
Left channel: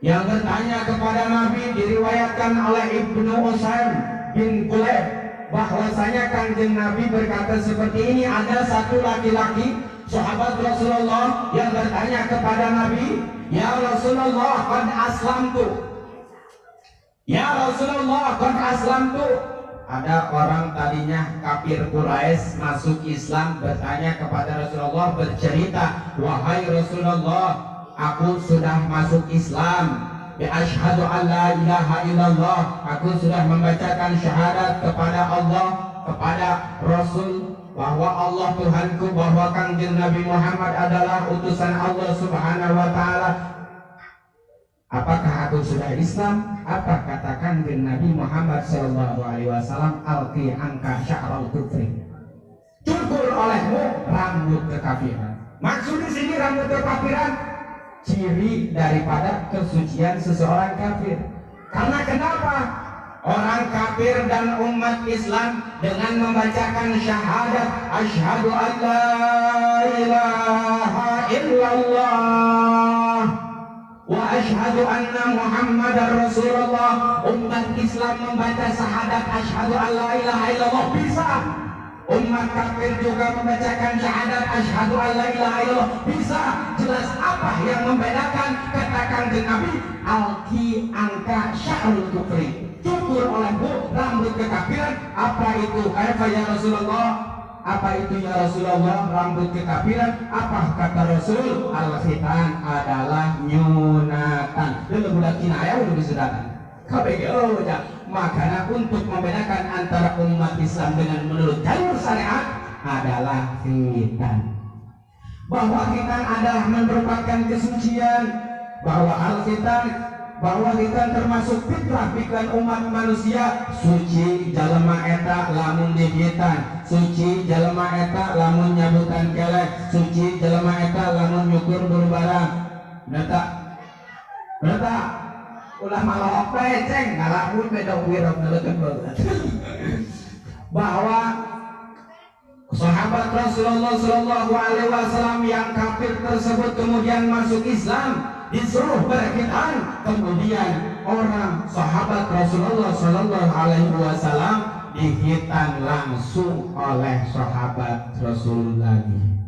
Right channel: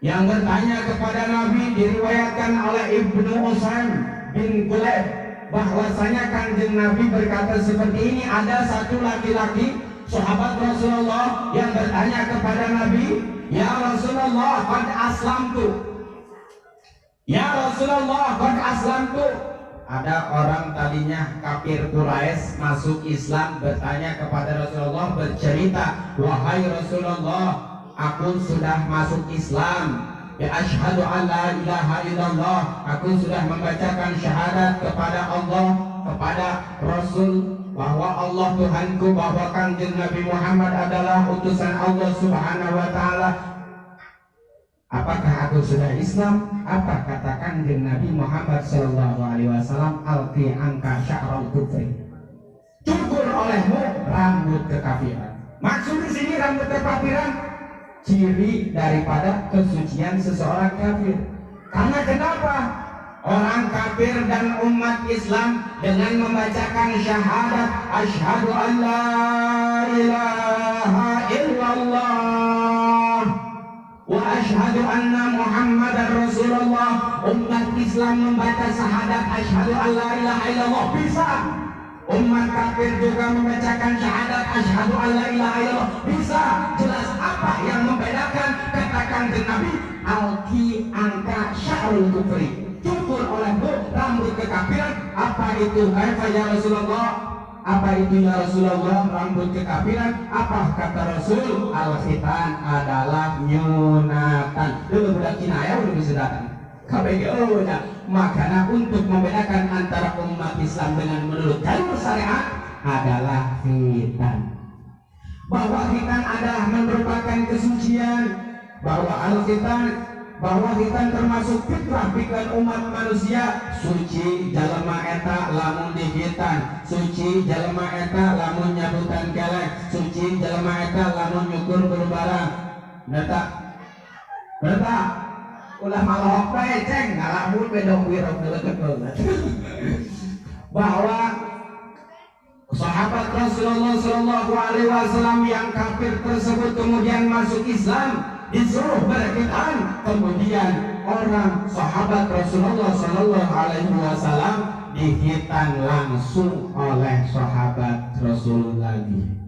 yang bertanya kepada Nabi, diriwayatkan oleh Ibnu Usaim bin Kulayb bahwasanya Kanjeng Nabi berkata seperti ini, ada satu laki-laki sahabat Rasulullah yang bertanya kepada Nabi, ya Rasulullah qad aslamtu, ya Rasulullah qad aslamtu. Ada orang tadinya kafir Quraisy masuk Islam, bertanya kepada Rasulullah, bercerita, wahai Rasulullah, aku sudah masuk Islam, ya asyhadu an la ilaha illallah, aku sudah membacakan syahadat kepada Allah, kepada Rasul, bahwa Allah Tuhanku, bahwa Kanjeng Nabi Muhammad adalah utusan Allah Subhanahu wa taala. Apakah aku sudah Islam? Apa kata Kanjeng Nabi Muhammad sallallahu alaihi wasallam, alqi anka sya'ral kufri, cukur olehmu rambut kekafiran. Maksud di sini rambut kekafiran ciri daripada kesucian seseorang kafir. Karena kenapa? Orang kafir dan umat Islam dengan membacakan syahadat asyhadu an la ilaha illallah wa asyhadu anna Muhammadar Rasulullah, umat Islam membaca syahadat asyhadu an la ilaha illallah bisa. Umat kafir juga membacakan syahadat asyhadu an la ilaha illallah bisa. Jelas apa yang membedakan? Katakan ke Nabi, alqi angka sya'rul kufri, cukur olehmu rambut kekafiran. Apa itu? Kaifa ya Rasulullah? Apa itu ya Rasulullah rambut kekafiran? Apa kata Rasul? Al-khitan adalah nyunatan. Dulu budak Cina ya udah disunatan. Makanya untuk membedakan antara umat Islam dengan menurut jalur syariat adalah khitan. Bahwa khitan adalah merupakan kesucian, bahwa khitan termasuk fitrah pikiran umat manusia. Suci jalema eta lamun dihitan, suci jalema eta lamun nyabutan kelek, suci jalema eta lamun nyukur berbarang. Berta ulah malohok bae ceng ngalamun bedong wirok ngeleket banget. Bahwa sahabat Rasulullah Shallallahu Alaihi Wasallam yang kafir tersebut kemudian masuk Islam, disuruh berkhitan. Kemudian orang sahabat Rasulullah Shallallahu Alaihi Wasallam dikhitan langsung oleh sahabat Rasul lagi.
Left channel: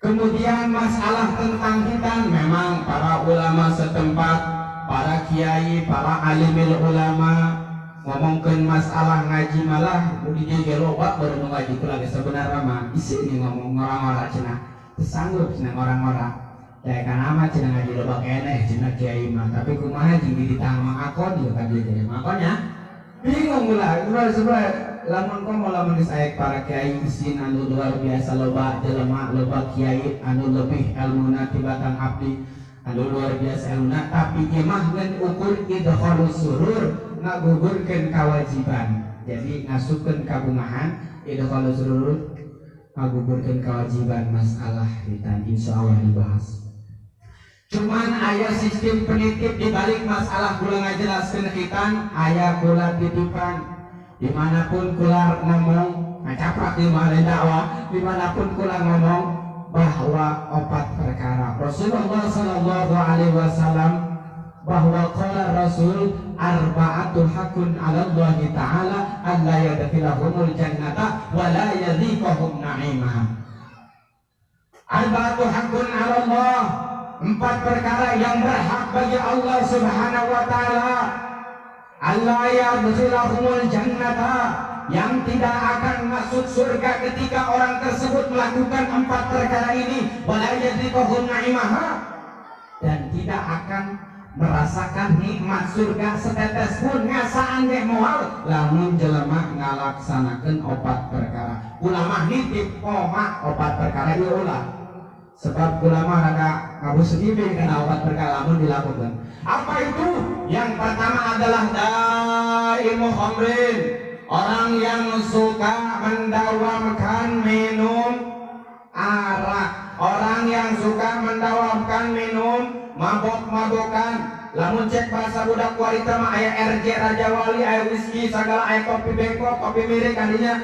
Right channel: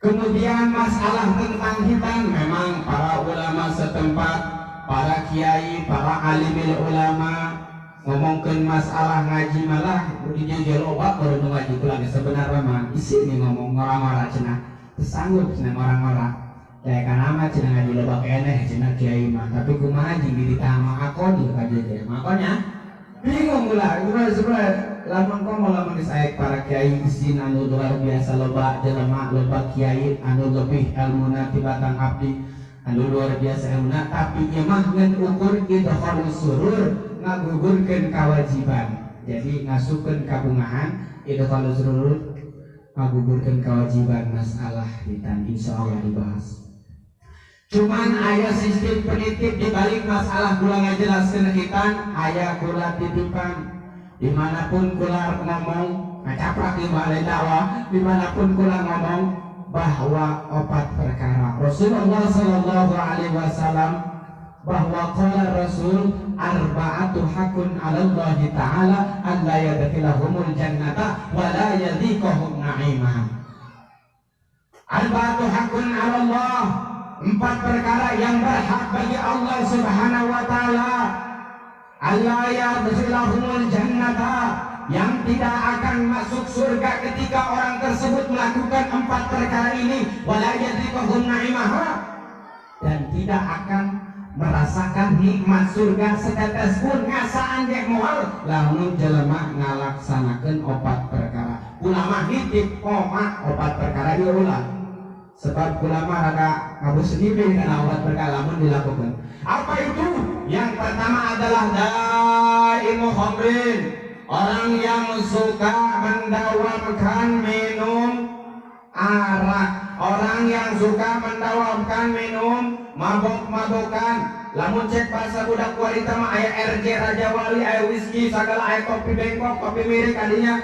Kemudian masalah tentang khitan, memang para ulama setempat, para kiai, para alimil ulama ngomongkan masalah ngaji malah di jelobak baru ngaji lagi sebenarnya mah isi nih ngomong orang-orang cina sanggup cina orang-orang kayak kanama cina ngaji loba keneh cina kiai mah, tapi kumaha jeung ditahan mah akon ya kaji kiai makanya bingung lah sebenarnya lamun komo lamun disaek para kiai isin anu luar biasa, loba jelema loba kiai anu lebih ilmuna tibatan abdi anu luar biasa ilmuna, tapi ieu mah ngan ukur idkhalus surur, ngagugurkeun kewajiban. Jadi ngasupkeun kabungahan idkhalus surur, ngagugurkeun kewajiban. Masalah khitan insyaallah dibahas. Cuman aya sistem penitip di balik masalah kula ngajelaskeun khitan, aya kula titipan. Dimanapun kula ngomong ngacaprak di mana dakwah, dimanapun kula ngomong bahwa 4 perkara Rasulullah Sallallahu Alaihi Wasallam, bahwa qala Rasul arba'atu hakun 'ala Allah Ta'ala alla yadkhilahumul jannata wa la yadhiquhum na'imah. Arba'atu hakun 'ala Allah, 4 perkara yang berhak bagi Allah Subhanahu wa taala. Allah yadkhilahumul jannata, yang tidak akan masuk surga ketika orang tersebut melakukan 4 perkara ini, wala yadhiquhum na'imaha, dan tidak akan merasakan nikmat surga setetes pun ngasaan ge moal lamun jelema ngalaksanakeun 4 perkara. Ulama nitip koma 4 perkara ieu ulah. Sebab ulama rada ngabuseudeui kana 4 perkara lamun dilakukan. Apa itu? Yang pertama adalah daimu khamrin, orang yang suka mendawamkan minum arak, orang yang suka mendawamkan minum mabok-mabokan. Lamun cek bahasa budak wanita mah aya RJ Raja Wali, aya whisky, segala aya kopi bengkok, kopi mirik kadinya.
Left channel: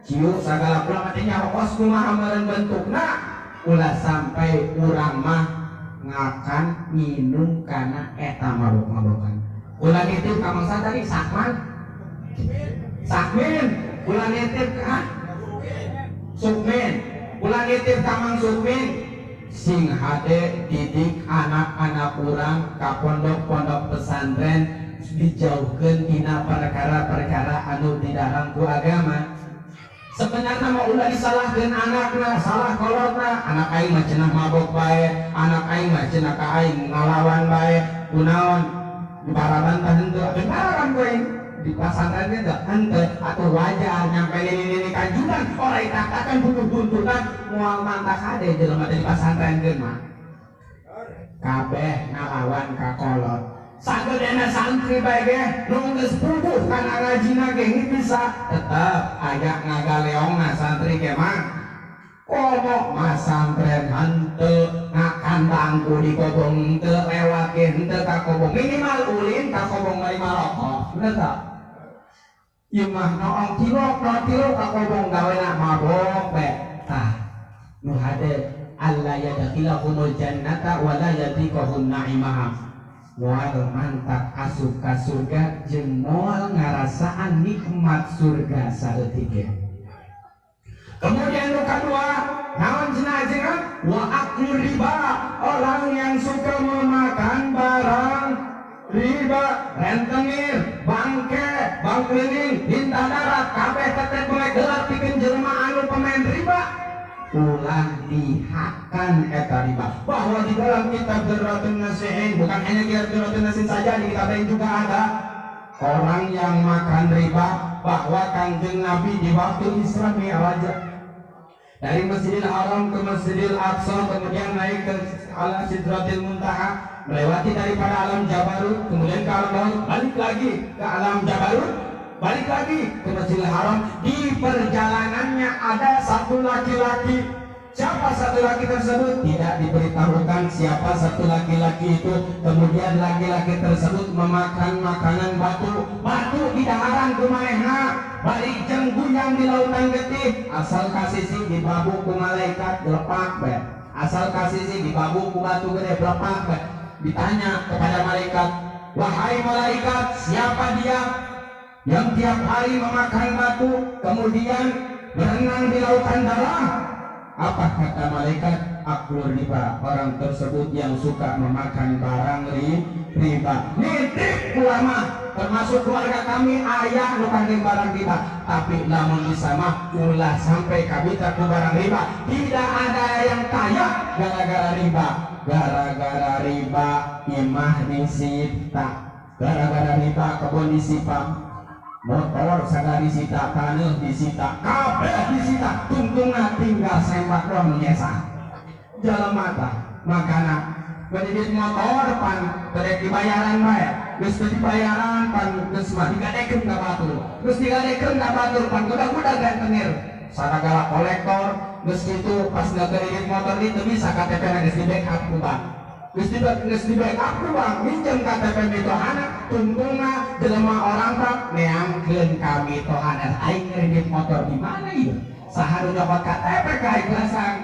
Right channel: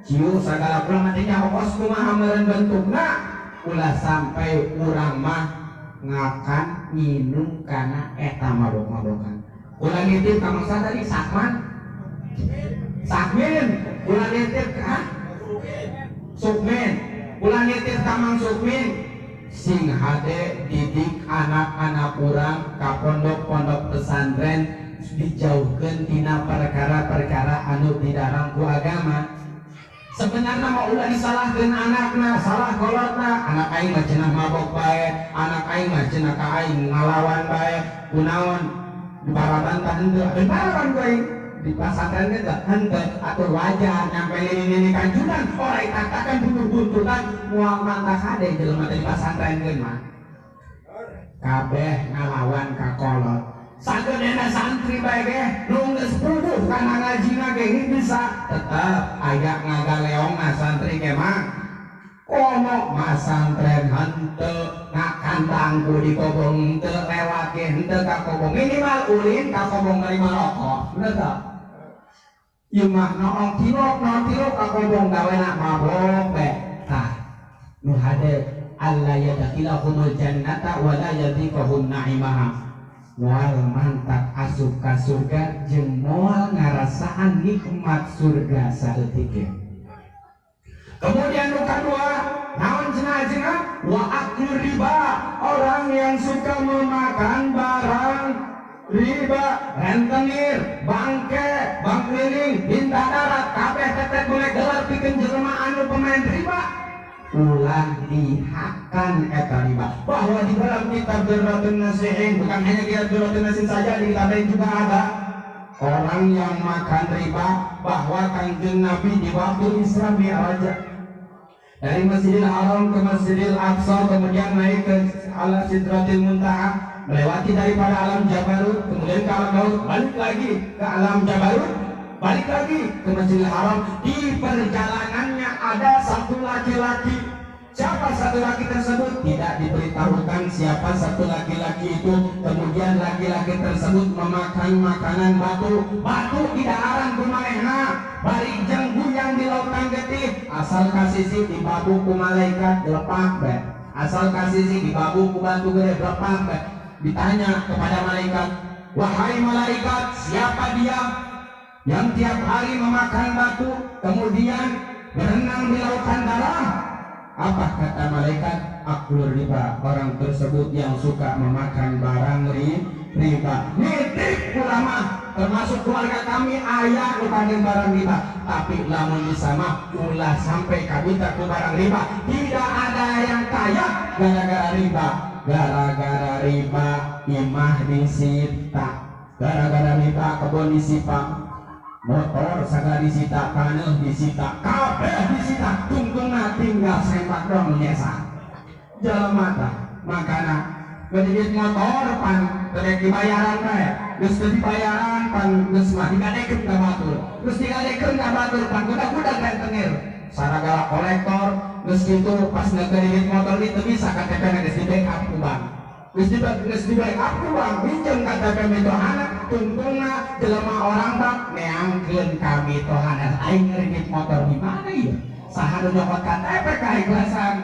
Ciu segala kula matinya hokos kumaha meureun bentukna. Ulah sampai urang mah ngakan minum kana eta mabok-mabokan. Ulah nitip ka mangsa tadi Sakman. Sakmin, ulah nitip ka Sukmin. Ulah nitip ka Mang Sukmin. Sing hade didik anak-anak urang ka pondok-pondok pesantren dijauhkeun tina perkara-perkara anu dilarang ku agama. Sebenarnya mau ulah disalahkeun anakna, salah kolotna. Anak aing mah cenah mabok bae, anak aing mah cenah ka aing ngalawan bae. Kunaon dibaraban tah henteu, apeun baraban ku aing di pesantren teh henteu atuh wajar nyampe ini kanjuran ora taktakan butuh-butuhan moal mantah hade jelema teh di pesantren geun mah kabeh ngalawan ka kolot. Sagedena santri bae ge nu geus puguh kana ngajina ge bisa tetep aya ngagaleongna santri ge mah komo masantren henteu ngakandang ku di kobong teu lewat ge henteu ka kobong minimal ulin ka kobong bari marokok bener tak? Ieu mah noong tilok ka kobong gawena mabok bae tah nu hade alla yadkhilahumul jannata wa la yadhiqahum na'imaha moal mantap asup ka surga jeung moal ngarasaan nikmat surga saeutik ge. Kemudian nu kadua naon cenah wa aklu riba, orang yang suka memakan barang riba, rentenir, bangke, bang keliling, bintang darat, kabeh tetet mulai gelap pikeun jelema anu pemain riba. Ulah dihakan eta riba. Bahwa di dalam kitab Durratun Nasihin, bukan hanya kitab Durratun Nasihin saja, di kitab lain juga ada orang yang makan riba. Bahwa Kanjeng Nabi di waktu Isra Mi'raj dari Masjidil Haram ke Masjidil Aqsa, kemudian naik ke ala Sidratil Muntaha, melewati daripada alam Jabarut, kemudian ke alam Maut, balik lagi ke alam Jabarut, balik lagi ke Masjidil Haram. Di perjalanannya ada satu laki-laki. Siapa satu laki tersebut? Tidak diberitahukan siapa satu laki-laki itu. Kemudian laki-laki tersebut memakan makanan batu. Batu di daharan kumanehna, balik jenggu yang di lautan getih. Asal kasisi di babu ku malaikat lepak be. Asal kasisi di babu ku batu gede lepak be. Ditanya kepada malaikat, wahai malaikat, siapa dia yang tiap hari memakan batu kemudian berenang di lautan dalam? Apa kata malaikat? Aklur riba, orang tersebut yang suka memakan barang riba. Nitip ulama, termasuk keluarga kami ayah nukandeng barang riba. Tapi lamun bisa mah ulah sampai kabita ku barang riba. Tidak ada yang kaya gara-gara riba. Gara-gara riba imah disita, gara-gara riba kebun disita, motor sagala disita, taneuh disita, kabeh disita, tungtungna tinggal sempak dong nyesa. Jelema tah makana ngedidit motor pan terek dibayaran bae, geus teu dibayaran pan geus mah digadekeun ka batur, geus digadekeun ka batur pan budak-budak rentenir saragala kolektor. Geus kitu pas ngedidit motor di teu bisa KTP-na geus di backup ku bank, geus di backup ku bank, minjem KTP mitohana, tungtungna jelema orang tak neangkeun ka mitohana. Aing ngedidit motor di mana ieu? Saha nu nyokot KTP ka ikhlasan?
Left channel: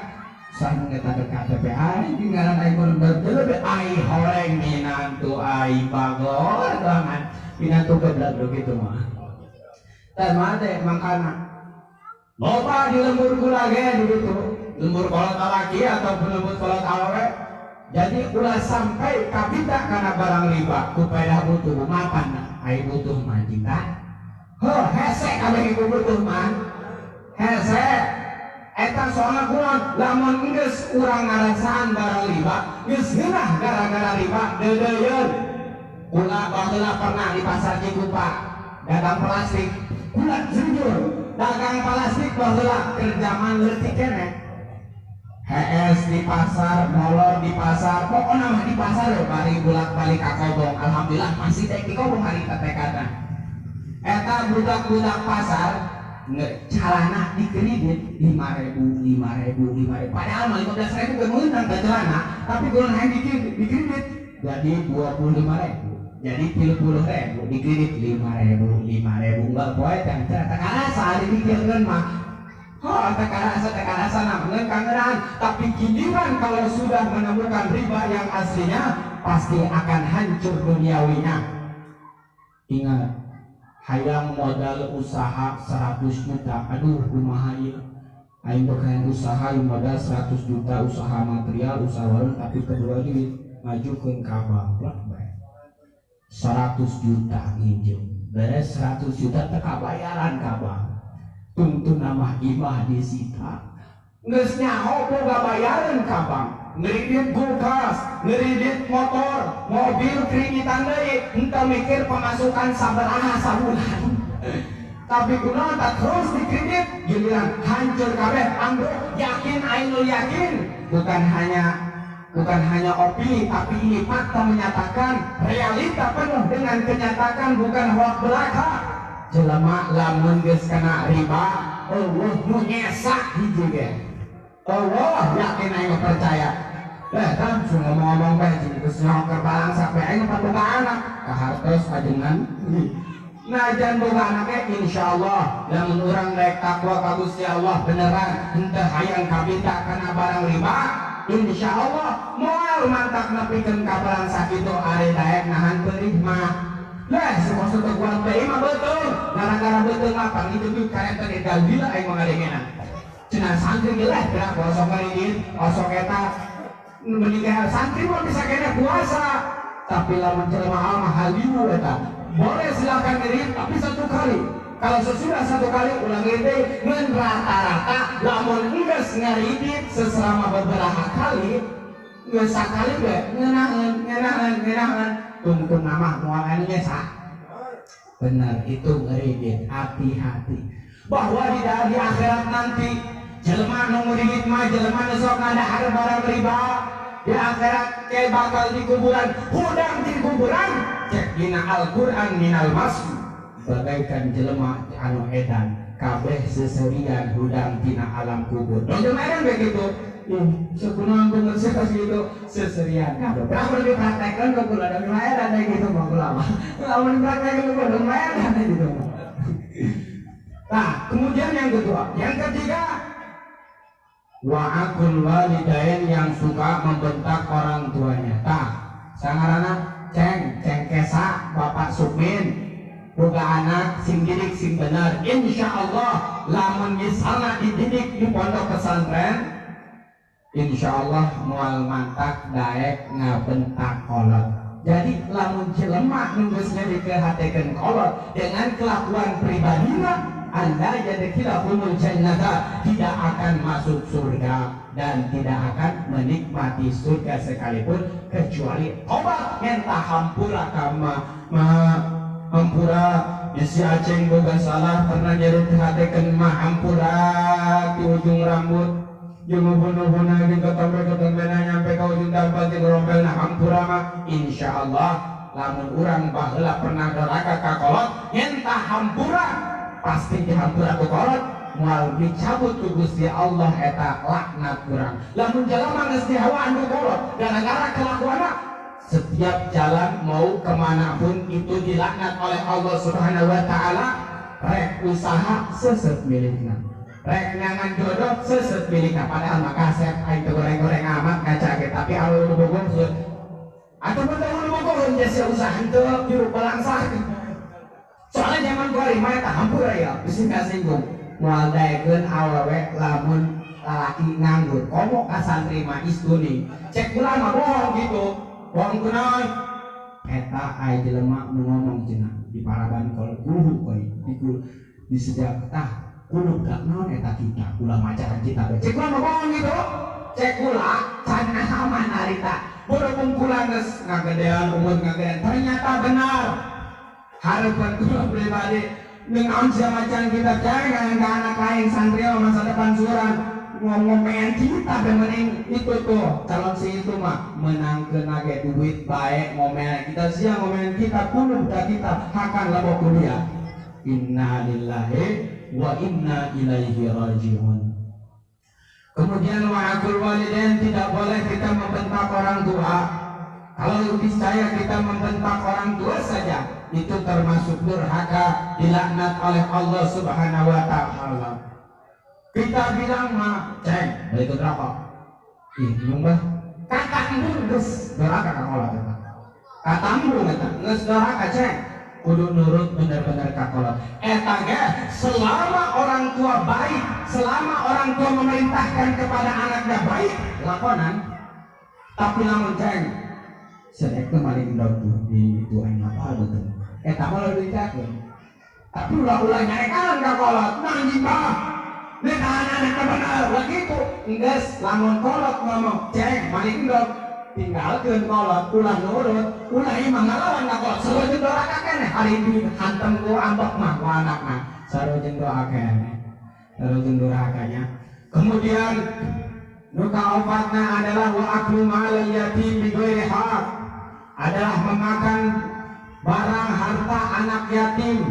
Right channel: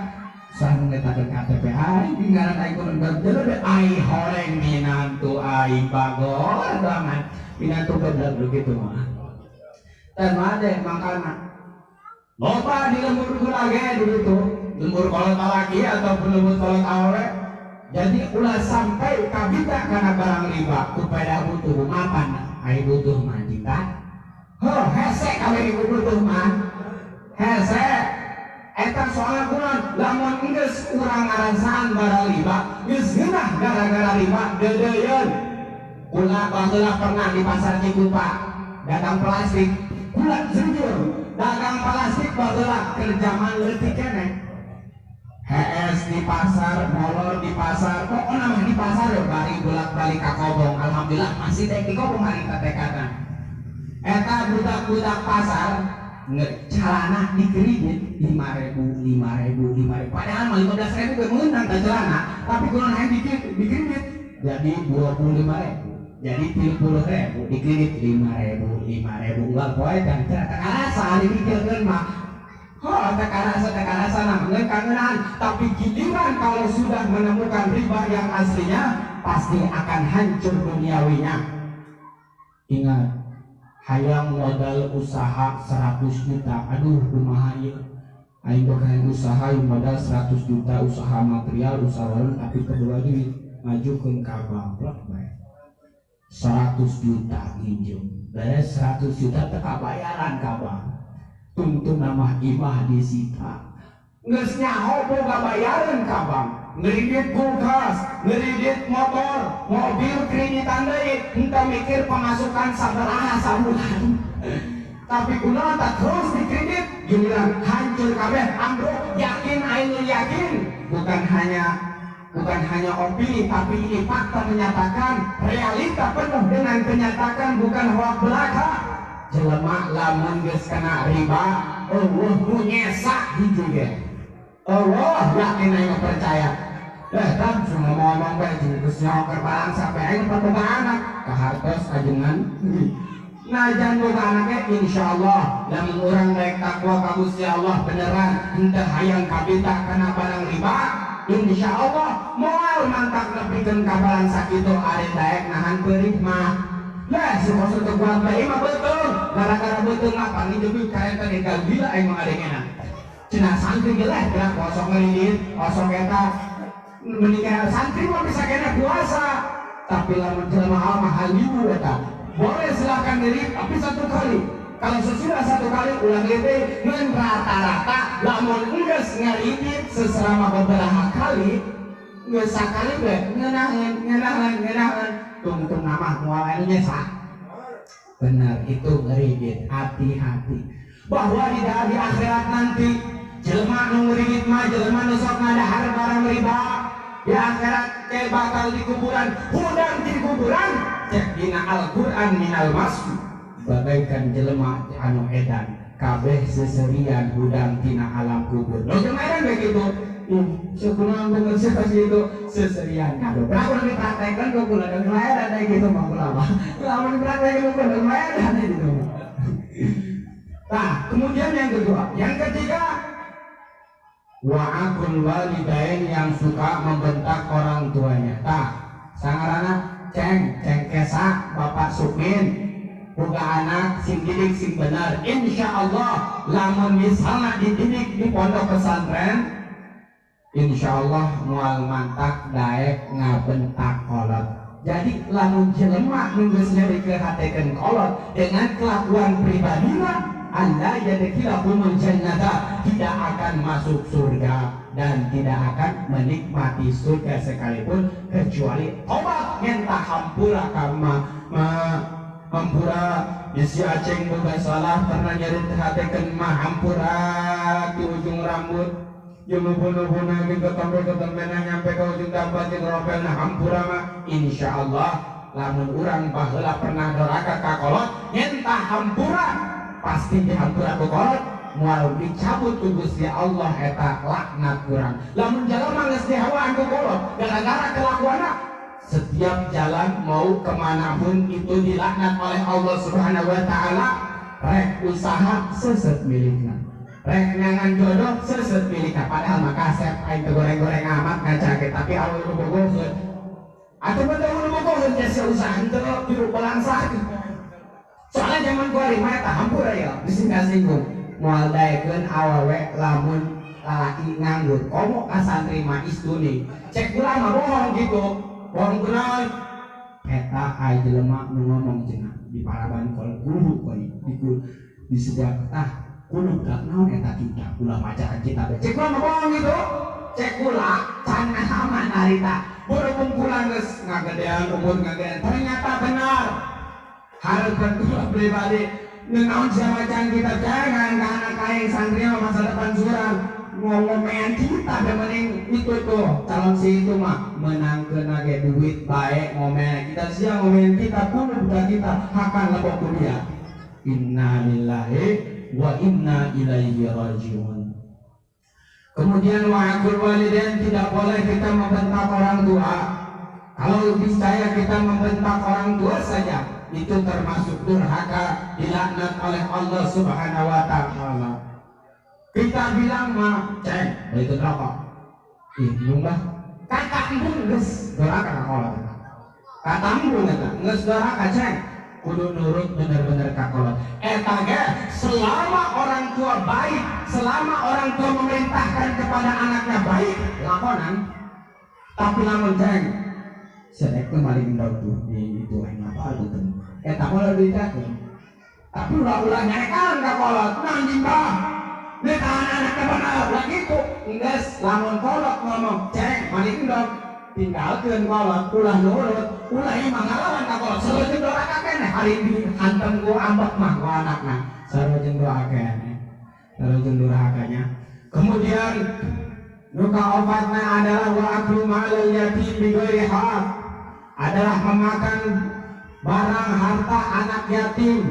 Saha nu ngetakeun KTP aing ngaran aing kudu berjelebe ai horeng minantu aing bagor doangan minantu goblok kitu mah. Tah made makana loba di lembur gula ge dulu tuh, lembur kolot laki ataupun lembur kolot awe. Jadi ulah sampai kabita karena barang riba kupaya butuh mapan ai butuh majita. Heuh hese kabeh ibu butuh mah. Hese eta soalna kunaon? Lamun geus urang ngarasaan barang riba, geus geunah gara-gara riba deudeuyeun. Ulah baheula pernah di pasar Cikupa dagang plastik, ulah jujur dagang plastik baheula keur zaman leutik keneh. HS di pasar, molor di pasar, pokokna mah di pasar bari bolak-balik ka kobong. Alhamdulillah masih teh di kobong hari katekana. Eta budak-budak pasar celana di kredit 5.000 padahal mah 15.000 ke menang teh celana tapi kalau hanya di kredit jadi 25.000 jadi 30.000 di kredit 5.000 enggak poe teh karasa dipikirkeun mah tak karasa namanya kangenan tapi giliran kalau sudah menemukan riba yang aslinya pasti akan hancur duniawinya. Ingat hayang modal usaha 100 juta aduh kumaha ieu aing bakalan usaha yang modal 100 juta usaha material usaha warung tapi kedua duit ngajukeun ka bank bae 100 juta nginjem beres 100 juta teu kabayaran ka bank tungtu nama imah disita geus nyaho boga bayaran ka bank ngeridit kulkas, ngeridit motor, mobil kreditan deui, henteu mikir pemasukan sabaraha sabulan. Tapi kunaon tak terus dikredit, giliran hancur kabeh. Ambruk yakin aing yakin, bukan hanya opini, tapi ini fakta menyatakan realita penuh dengan kenyataan bukan hoak belaka. Jelema lamun geus kena riba, Allah nu nyesak hiji ge. Allah yakin aing percaya. Dan cuma ngomong bae jeung geus nyoker barang sampe aing boga anak kahartos ajengan najan boga anake insyaallah lamun urang rek takwa ka Gusti Allah beneran henteu hayang kabita kana barang riba insyaallah moal mantak nepikeun ka barang sakitu are daek nahan peurih mah lah supaya kuat bae mah betul gara-gara betul apa ngideuk karenta di gila aing mangadengenan cenah santri ge lah gerak kosong ngeureudin osok eta menikah santri mah bisa kena puasa tapi lamun jelema mah halimu eta boleh silakan ngirit tapi satu kali kalau sesudah satu kali ulang ngirit ngan rata-rata lamun geus ngaridit seselama beberapa kali geus sakali ge ngeunaheun tungtung nama moal anu nyesa benar itu ngeridit hati-hati bahwa di akhirat nanti jelema nu ngeuridit mah jelema nu sok ngadahar barang riba di akhirat kayak bakal di kuburan hudang di kuburan cek dina Al-Quran minal masku bagaikan jelema anu edan kabeh seserian hudang tina alam kubur no jelema edan begitu sekunaon bener segitu seserian kabeh pernah dipraktekkan kok kula dan edan gitu mah kula mah lamun dipraktekkan kok jelema edan gitu nah kemudian yang ketiga wa'akul walidain yang suka membentak orang tuanya sangarana ceng kesa bapak Sukmin boga anak sing didik sing bener insyaallah lamun misalna dididik di pondok pesantren insyaallah moal mantak daek ngabentak kolot jadi lamun jelema nu geus nyadikeun kolot dengan kelakuan pribadina Anda yadkhilahumul jannata tidak akan masuk surga dan tidak akan menikmati surga sekalipun kecuali tobat ngentah hampura kama hampura bisi aceng boga salah pernah nyari hatekeun mah hampura di ujung rambut jeung ubun-ubunna jeung ketombe-ketombena nyampe ka ujung dampal jeung rompelna hampura mah insyaallah lamun urang baheula pernah doraka ka kolot ngentah hampura pasti dihampura ku kolot moal dicabut ku Gusti Allah eta laknat urang lamun jalema geus dihawaan ku kolot gara-gara kelakuanna setiap jalan mau kemanapun itu dilaknat oleh Allah Subhanahu wa ta'ala rek usaha seset milikna rek nyangan jodoh seset milikna padahal mah kasep aing teu goreng-goreng amat ngaca ge tapi anu bogohkeun atuh betul anu bogohkeun geus usaha teu juru pelangsah soalnya zaman gua lima eta hampura ya bisa ngasinggung moal daekeun awewe lamun lalaki nganggur komo ka santri mah istuni cek ulah mah bohong gitu bohong kunaon eta aya jelema nu ngomong cenah di paraban kol guru koi di setiap kudu dak naon eta kita ulah macakan kita cek ulah mah bohong gitu cek ulah can aman harita bodoh pungkulan geus ngagedean umur ngagedean ternyata benar harapan kula pribadi dengan macan kita jangan ke anak lain santri masa depan suram ngomongin kita demening itu tuh calon si itu mah menangkeun age duit baik ngomel kita siang ngomongin kita kudu budak kita hakan lebok kuliah innalillahi wa inna ilaihi rajiun. Kemudian wa'akul walidain, tidak boleh kita membentak orang tua. Kalau niscaya kita membentak orang tua saja, itu termasuk durhaka, dilaknat oleh Allah Subhanahu wa taala. Kita bilang mah, "Ceng, balik rokok." Ih, nyumbah. Kakak embung geus durhaka ka kolot eta. Kata embung eta, geus durhaka ceng. Kudu nurut bener-bener ka kolot. Eta ge selama orang tua baik, selama orang tua memerintahkan kepada anaknya baik, lakonan. Tapi lamun ceng sedek kembali indok tuh di itu aing apa betul. Eta mah dicakeun. Tapi ulah nyarekan ka kolot, nanjing bah. Nih anak-anak bener lagi itu. Enggeus lamun kolot ngomong, "Ceng, mani indok." Tinggalkeun kolot, ulah nurut, ulah imah ngalawan ka kolot. Sarojeng doa keneh hari ini hantem ku ambek mah ku anakna. Sarojeng doa keneh. Sarojeng durhakanya. Kemudian nu kaofatna adalah wa aklu malal yatim bi ghairi haq. Adalah memakan barang harta anak yatim.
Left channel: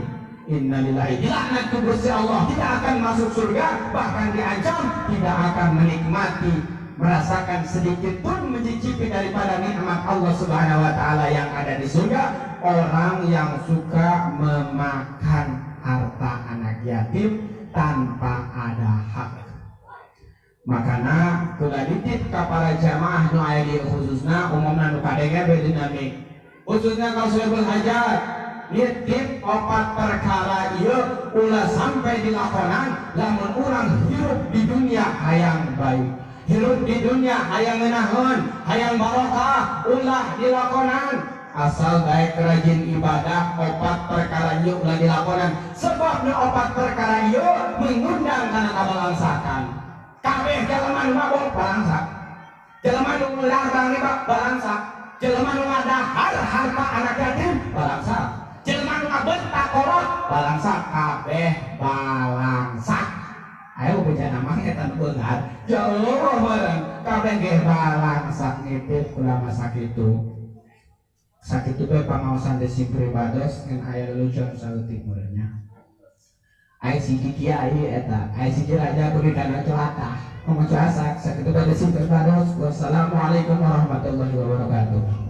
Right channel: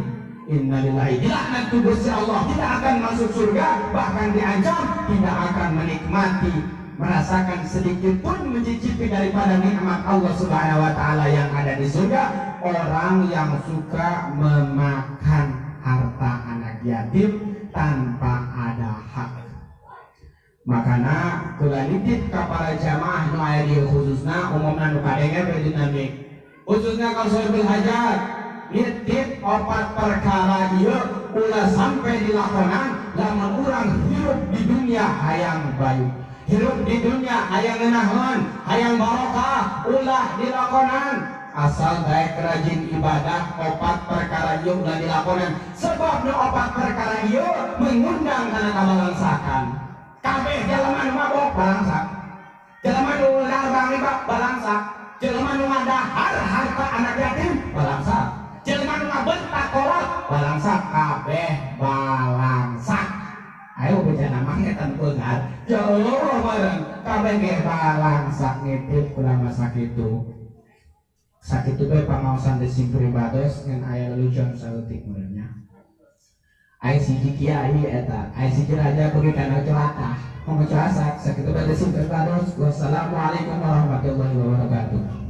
Innalillahi, dilaknat tu Gusti Allah, tidak akan masuk surga, bahkan diancam tidak akan menikmati, merasakan sedikit pun mencicipi daripada nikmat Allah Subhanahu wa taala yang ada di surga. Orang yang suka memakan harta anak yatim tanpa ada hak. Makana kula nitip ka para jamaah nu aya di khususna umumna nu kadenge bedinami. Khususnya kalau Sahibul Hajat nitip 4 perkara ieu ulah sampai dilakonan lamun urang hirup di dunia hayang baik. Hirup di dunia hayang ngeunaheun, hayang barokah, ulah dilakonan. Asal baik rajin ibadah 4 perkara ieu ulah dilakonan. Sebab nu 4 perkara ieu mengundang kana kabalangsakan. Kabeh jelema nu mabok balangsak. Jelema nu larbang riba balangsak. Jelema nu ngadahar harta anak yatim balangsak. Jelema nu ngabentak kolot balangsak, kabeh balangsak. Ayo bejana mah eta nu beungar. Ya Allah bareng kabeh ge balangsak nitip kula mah sakitu. Sakitu bae pangaosan teh simpri bados ngan aya lelucon saeutik meureunnya. Ai siji kiai eta, ai siji raja kudu kana cuata. Ngomong cuasak sakitu bae simpri bados. Wassalamualaikum warahmatullahi wabarakatuh.